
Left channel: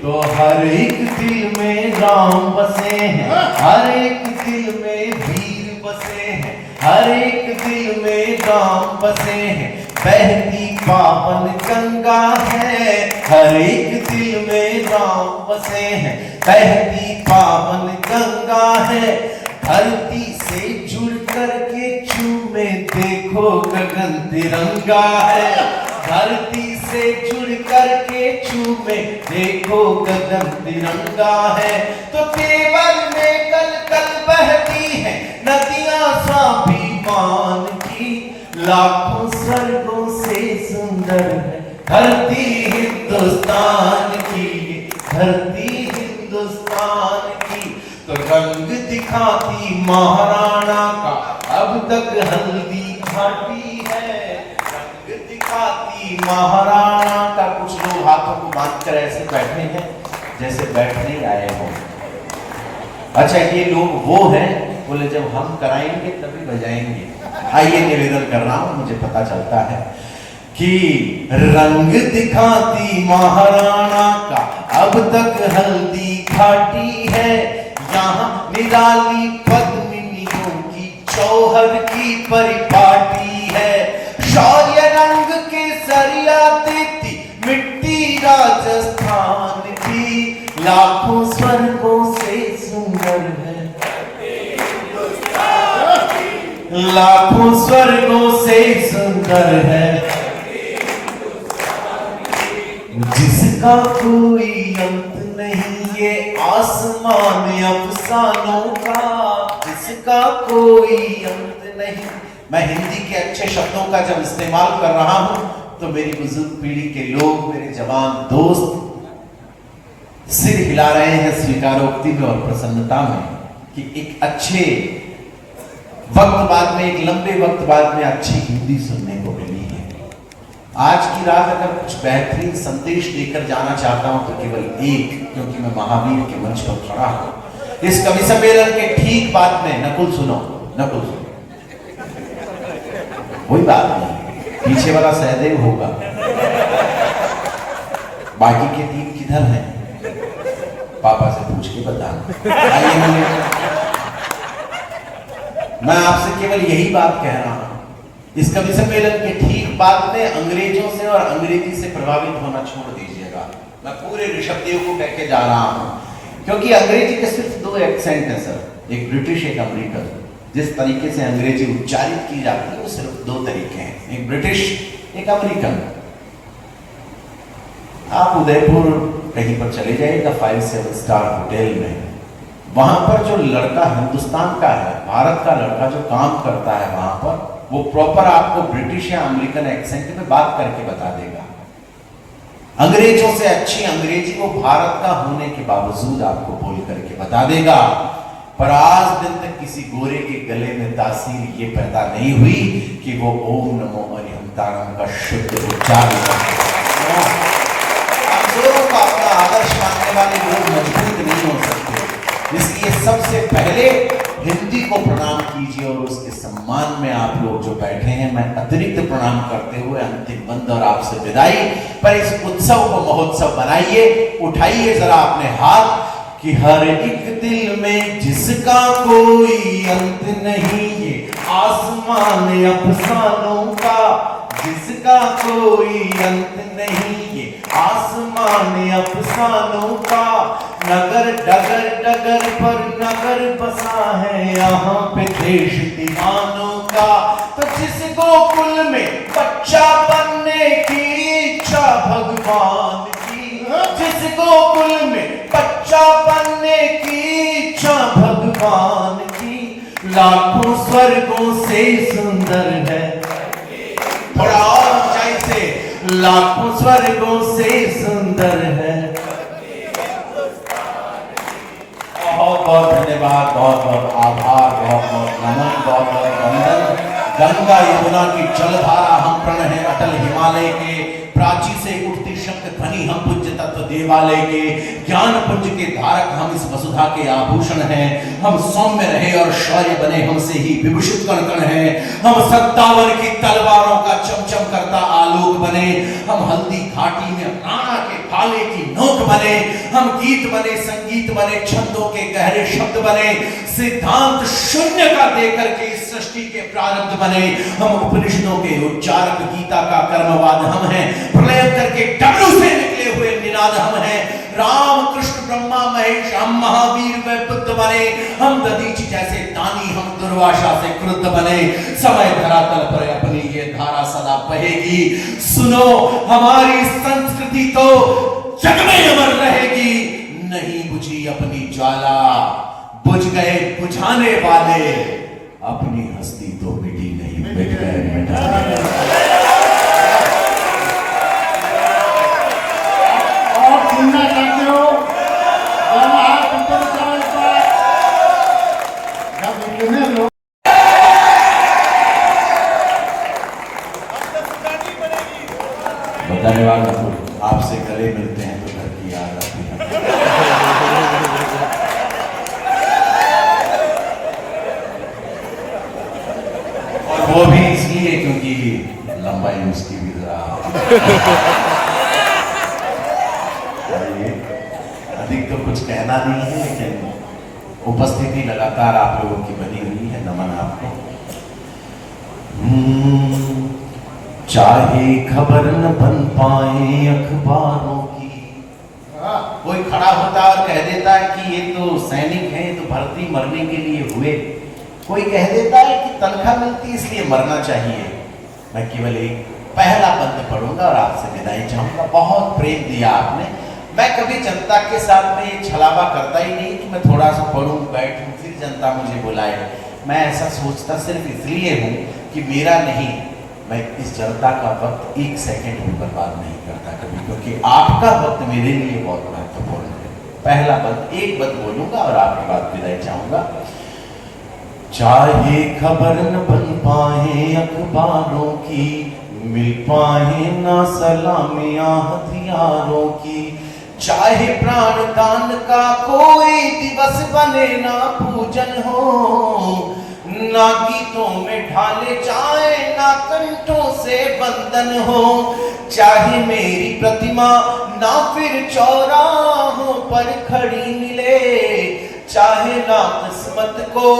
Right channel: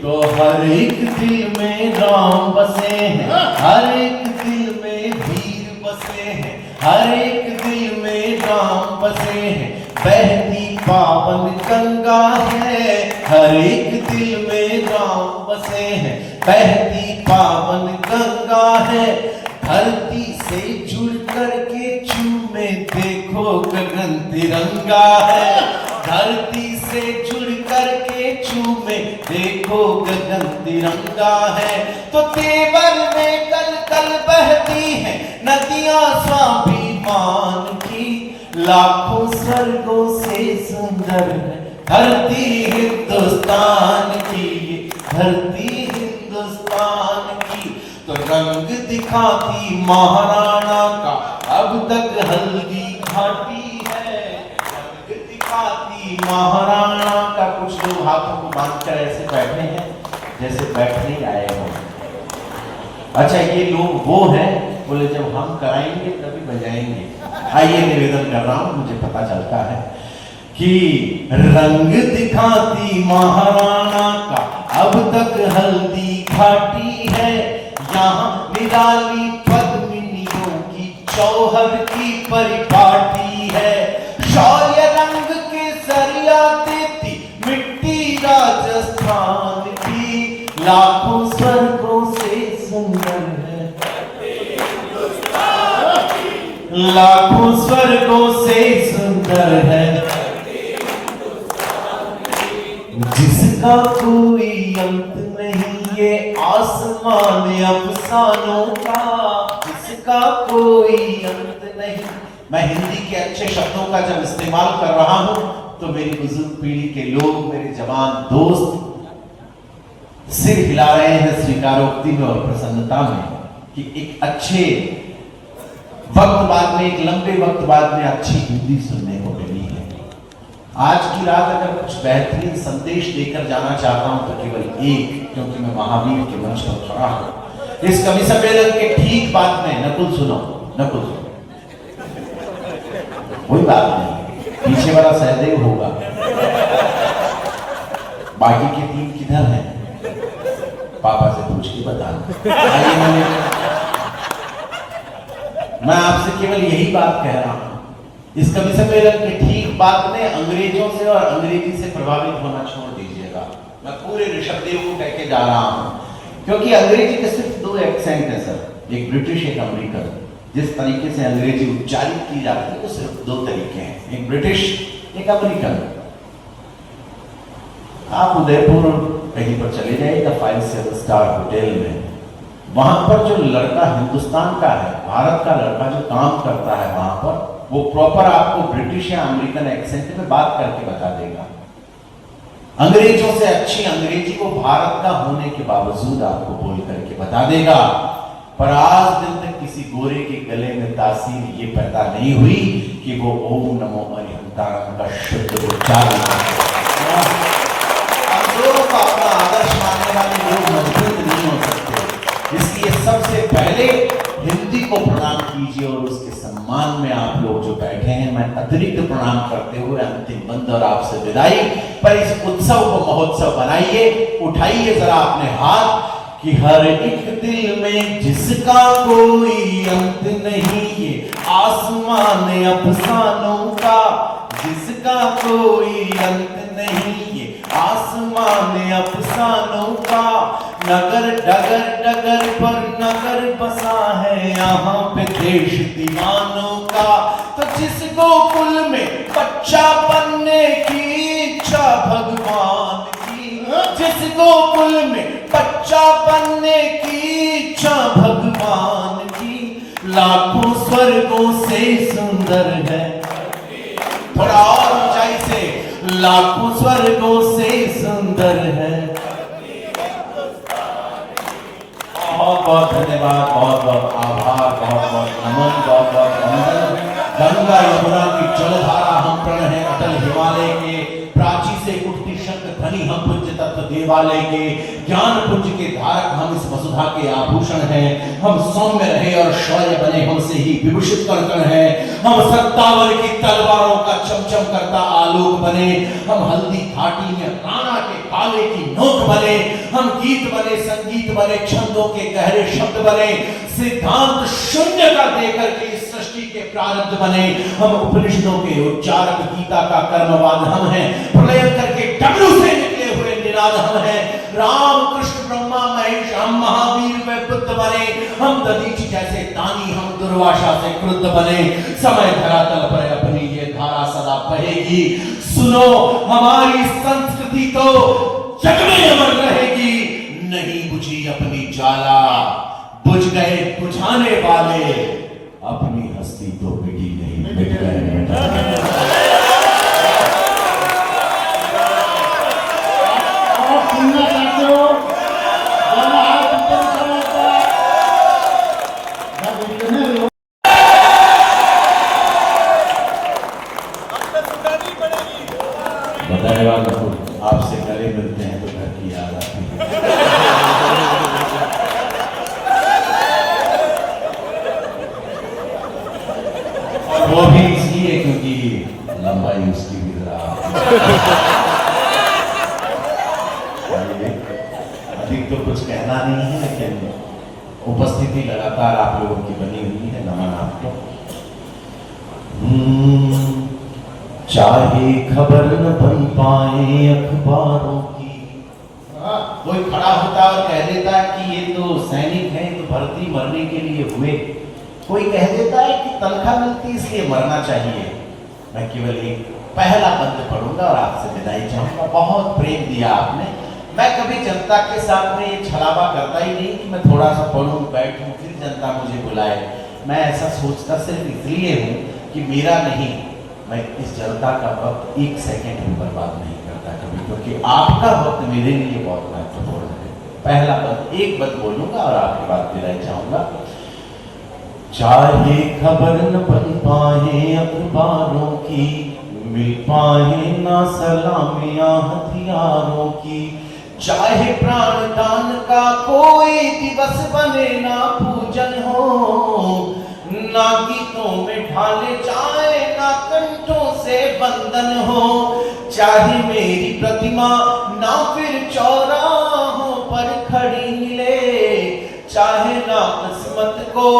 तो हर एक दिल में राम बसे हैं, हर एक दिल में वीर बसे हैं, हर एक दिल में राम बसे हैं। बहती पावन गंगा है, हर एक दिल में राम बसे हैं। बहती पावन गंगा है, धरती से जुड़ कर के चूमे देखो गगन तिरंगा है। धरती से जुड़ कर के चूमे देखो गगन तिरंगा है। तो केवल में कल कल बहती है नदियां स्वाभिमान की। लाखों स्वर्गों से सुंदर है धरती हिंदुस्तान की। धरती हिंदुस्तान की। तो रंग दिखाती महाराणा का अब तक हल्दी घाटी है। रंग दिखाती महाराणा का। कुछ लोग हाथों को बांधकर ऐसे बैठे हैं जैसे बैठने आए हों। अच्छा ये लोग वो हैं, बोले जब हम कराएंगे तभी बजाएंगे। आइए निवेदन कर रहा हूं, मुझे पता चलता है कि रंग दिखाती महाराणा का अब तक हल्दी घाटी है। यहाँ निराली पद्मिनियों की चौहर की परिपाटी है। लाखों स्वर्गों से सुंदर है, जिसका कोई अंत नहीं, ये आसमान अफसानों का, जिसका कोई अंत नहीं। मैं हिंदी के अच्छे शब्दों का जब इस्तेमाल कर रहा हूं तो मेरी बुजुर्ग पीढ़ी के लोग, मेरे जवान दोस्त सिर हिला रहे हैं स्वीकारोक्ति में और प्रसन्नता में कि एक अच्छे वक्त बाद में, एक लंबे वक्त बाद में अच्छी हिंदी सुनने को मिली है। आज की रात अगर कुछ बेहतरीन संदेश देकर जाना चाहता हूं तो केवल एक, क्योंकि मैं महावीर के मंच पर खड़ा हूं। इस कवि सम्मेलन के ठीक बाद में नकुल सुनो, नकुल सुनो, कोई बात नहीं, पीछे वाला सहदेव होगा, बाकी के तीन किधर हैं? पापा से पूछ के बता। मैं आपसे केवल यही बात कह रहा हूं, इस कवि सम्मेलन के ठीक बाद में अंग्रेजों से और अंग्रेजी से प्रभावित होना छोड़ दीजिएगा। मैं पूरे ऋषभदेव को कह के जा रहा हूं, क्योंकि अंग्रेजी के सिर्फ दो एक्सेंट है सर, एक ब्रिटिश एक अमेरिकन। जिस तरीके से अंग्रेजी उच्चारित की जाती है वो सिर्फ दो तरीके हैं, एक ब्रिटिश एक अमेरिकन। आप उदयपुर कहीं पर चले जाइएगा 5 स्टार होटल में, वहां पर जो लड़का हिंदुस्तान का है, भारत का लड़का जो काम करता है वहां पर, वो प्रॉपर आपको ब्रिटिश या अमेरिकन एक्सेंट में बात करके बता देगा। अंग्रेजों से अच्छी अंग्रेजी को भारत का होने के बावजूद आपको बोल करके बता देगा। पर आज दिन तक किसी गोरे के गले में तासीर ये पैदा नहीं हुई कि वो ओम नमो अरिहंतारम का शुद्ध उच्चारण। अपना आदर्श मानने वाले लोग मजबूत नहीं हो सकते, इसलिए सबसे पहले हिंदी को प्रणाम कीजिए और उसके सम्मान में आप लोग जो बैठे हैं, मैं अतिरिक्त प्रणाम करते हुए अंतिम बंद और आपसे विदाई। पर इस उत्सव को महोत्सव बनाइए, उठाइए जरा अपने हाथ कि हर एक दिल में जिसका कोई अंत नहीं, ये आसमान अफसानों का, जिसका कोई अंत नहीं, ये आसमान अफसानों का। नगर डगर डगर पर नगर बसा है, यहाँ पे देश दीवानों का। तो जिस गोकुल में बच्चा बनने की इच्छा भगवान की, जिस गोकुल में बच्चा बनने की इच्छा भगवान की, लाखों स्वर्गों से सुंदर है। थोड़ा और ऊंचाई से, लाखों स्वर्गों से सुंदर है। बहुत बहुत धन्यवाद, बहुत बहुत आभार, बहुत बहुत नमन, बहुत बहुत वंदन। गंगा यमुना की जलधारा हम प्रण है अटल हिमालय के, प्राची से उठती शब्द ध्वनि हम पूज्य तत्व देवालय के, ज्ञान पुंज के धारक हम इस वसुधा के आभूषण हैं। हम सौम्य रहे और शौर्य बने हमसे ही विभूषित कर कर हैं। हम सत्तावर की तलवारों का चमचम करता आलोक बने। हम हल्दी घाटी में राणा के काले की नोक बने। हम गीत बने, संगीत बने, छंदों के गहरे शब्द बने। सिद्धांत शून्य का देकर के इस सृष्टि के प्रारब्ध बने। हम उपनिषदों के उच्चारक, गीता का कर्मवाद हम हैं। प्रलय करके डमरू से निकले हुए निनाद हम हैं। राम कृष्ण ब्रह्मा महेश हम महावीर व बुद्ध बने। हम दधीचि जैसे दानी, हम दुर्वासा से क्रुद्ध बने। समय धरातल पर अपनी ये धारा सदा बहेगी। सुनो हमारी संस्कृति तो जग में अमर रहेगी। नहीं बुझी अपनी ज्वाला, बुझ गए बुझाने वाले। अपनी हस्ती तो मिटी नहीं, मिट गए मिटाने। धन्यवाद। आपसे गले मिलते हैं तो घर की याद आती है। वो भी इसलिए क्योंकि लंबाई उसकी भी जरा अधिक तो कुछ कहना नहीं है, लेकिन उपस्थिति लगातार आप लोगों की बनी हुई है। नमन आपको। चाहे खबर न बन पाए अखबारों की, कोई खड़ा होता और कह देता है कि ये तो सैनिक हैं, तो भर्ती मरने के लिए हुए। कोई कह देता है कि तनख्वाह मिलती इसलिए मरना चाहिए। मैं केवल एक पहला बंद पढ़ूंगा और आपसे विदाई चाहूंगा। बहुत प्रेम दिया आपने। मैं कभी जनता के साथ में ये छलावा करता ही नहीं कि मैं थोड़ा सा पढ़ूं बैठूं फिर जनता मुझे बुलाए। मैं ऐसा सोचता सिर्फ इसलिए हूं कि मेरा नहीं, मैं इस जनता का वक्त एक सेकंड भी बर्बाद नहीं करता कभी, क्योंकि आपका वक्त मेरे लिए बहुत महत्वपूर्ण है। पहला बंद एक बंद बोलूंगा और आपके बाद विदाई चाहूंगा। चाहे खबर न बन पाए अखबारों की, मिल पाए ना सलामियां हथियारों की, चाहे प्राण दान का कोई दिवस बने ना पूजन हो, ना गीतों में ढाले जाए ना कंठों से बंधन हो, चाहे मेरी प्रतिमा ना फिर चौराहों पर खड़ी मिले, चाहे ना किस्मत को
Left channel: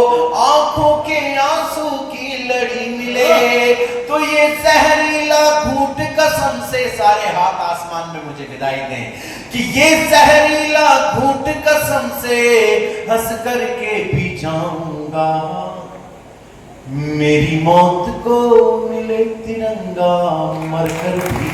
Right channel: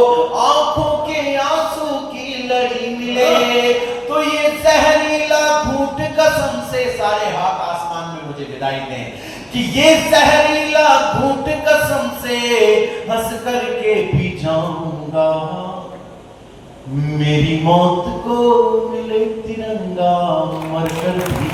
आंखों के आंसू की लड़ी मिले, तो ये जहरीला घूंट कसम से, सारे हाथ आसमान में मुझे विदाई दें, कि ये जहरीला घूंट कसम से हंस करके पी जाऊंगा, मेरी मौत को मिले तिरंगा मर कर भी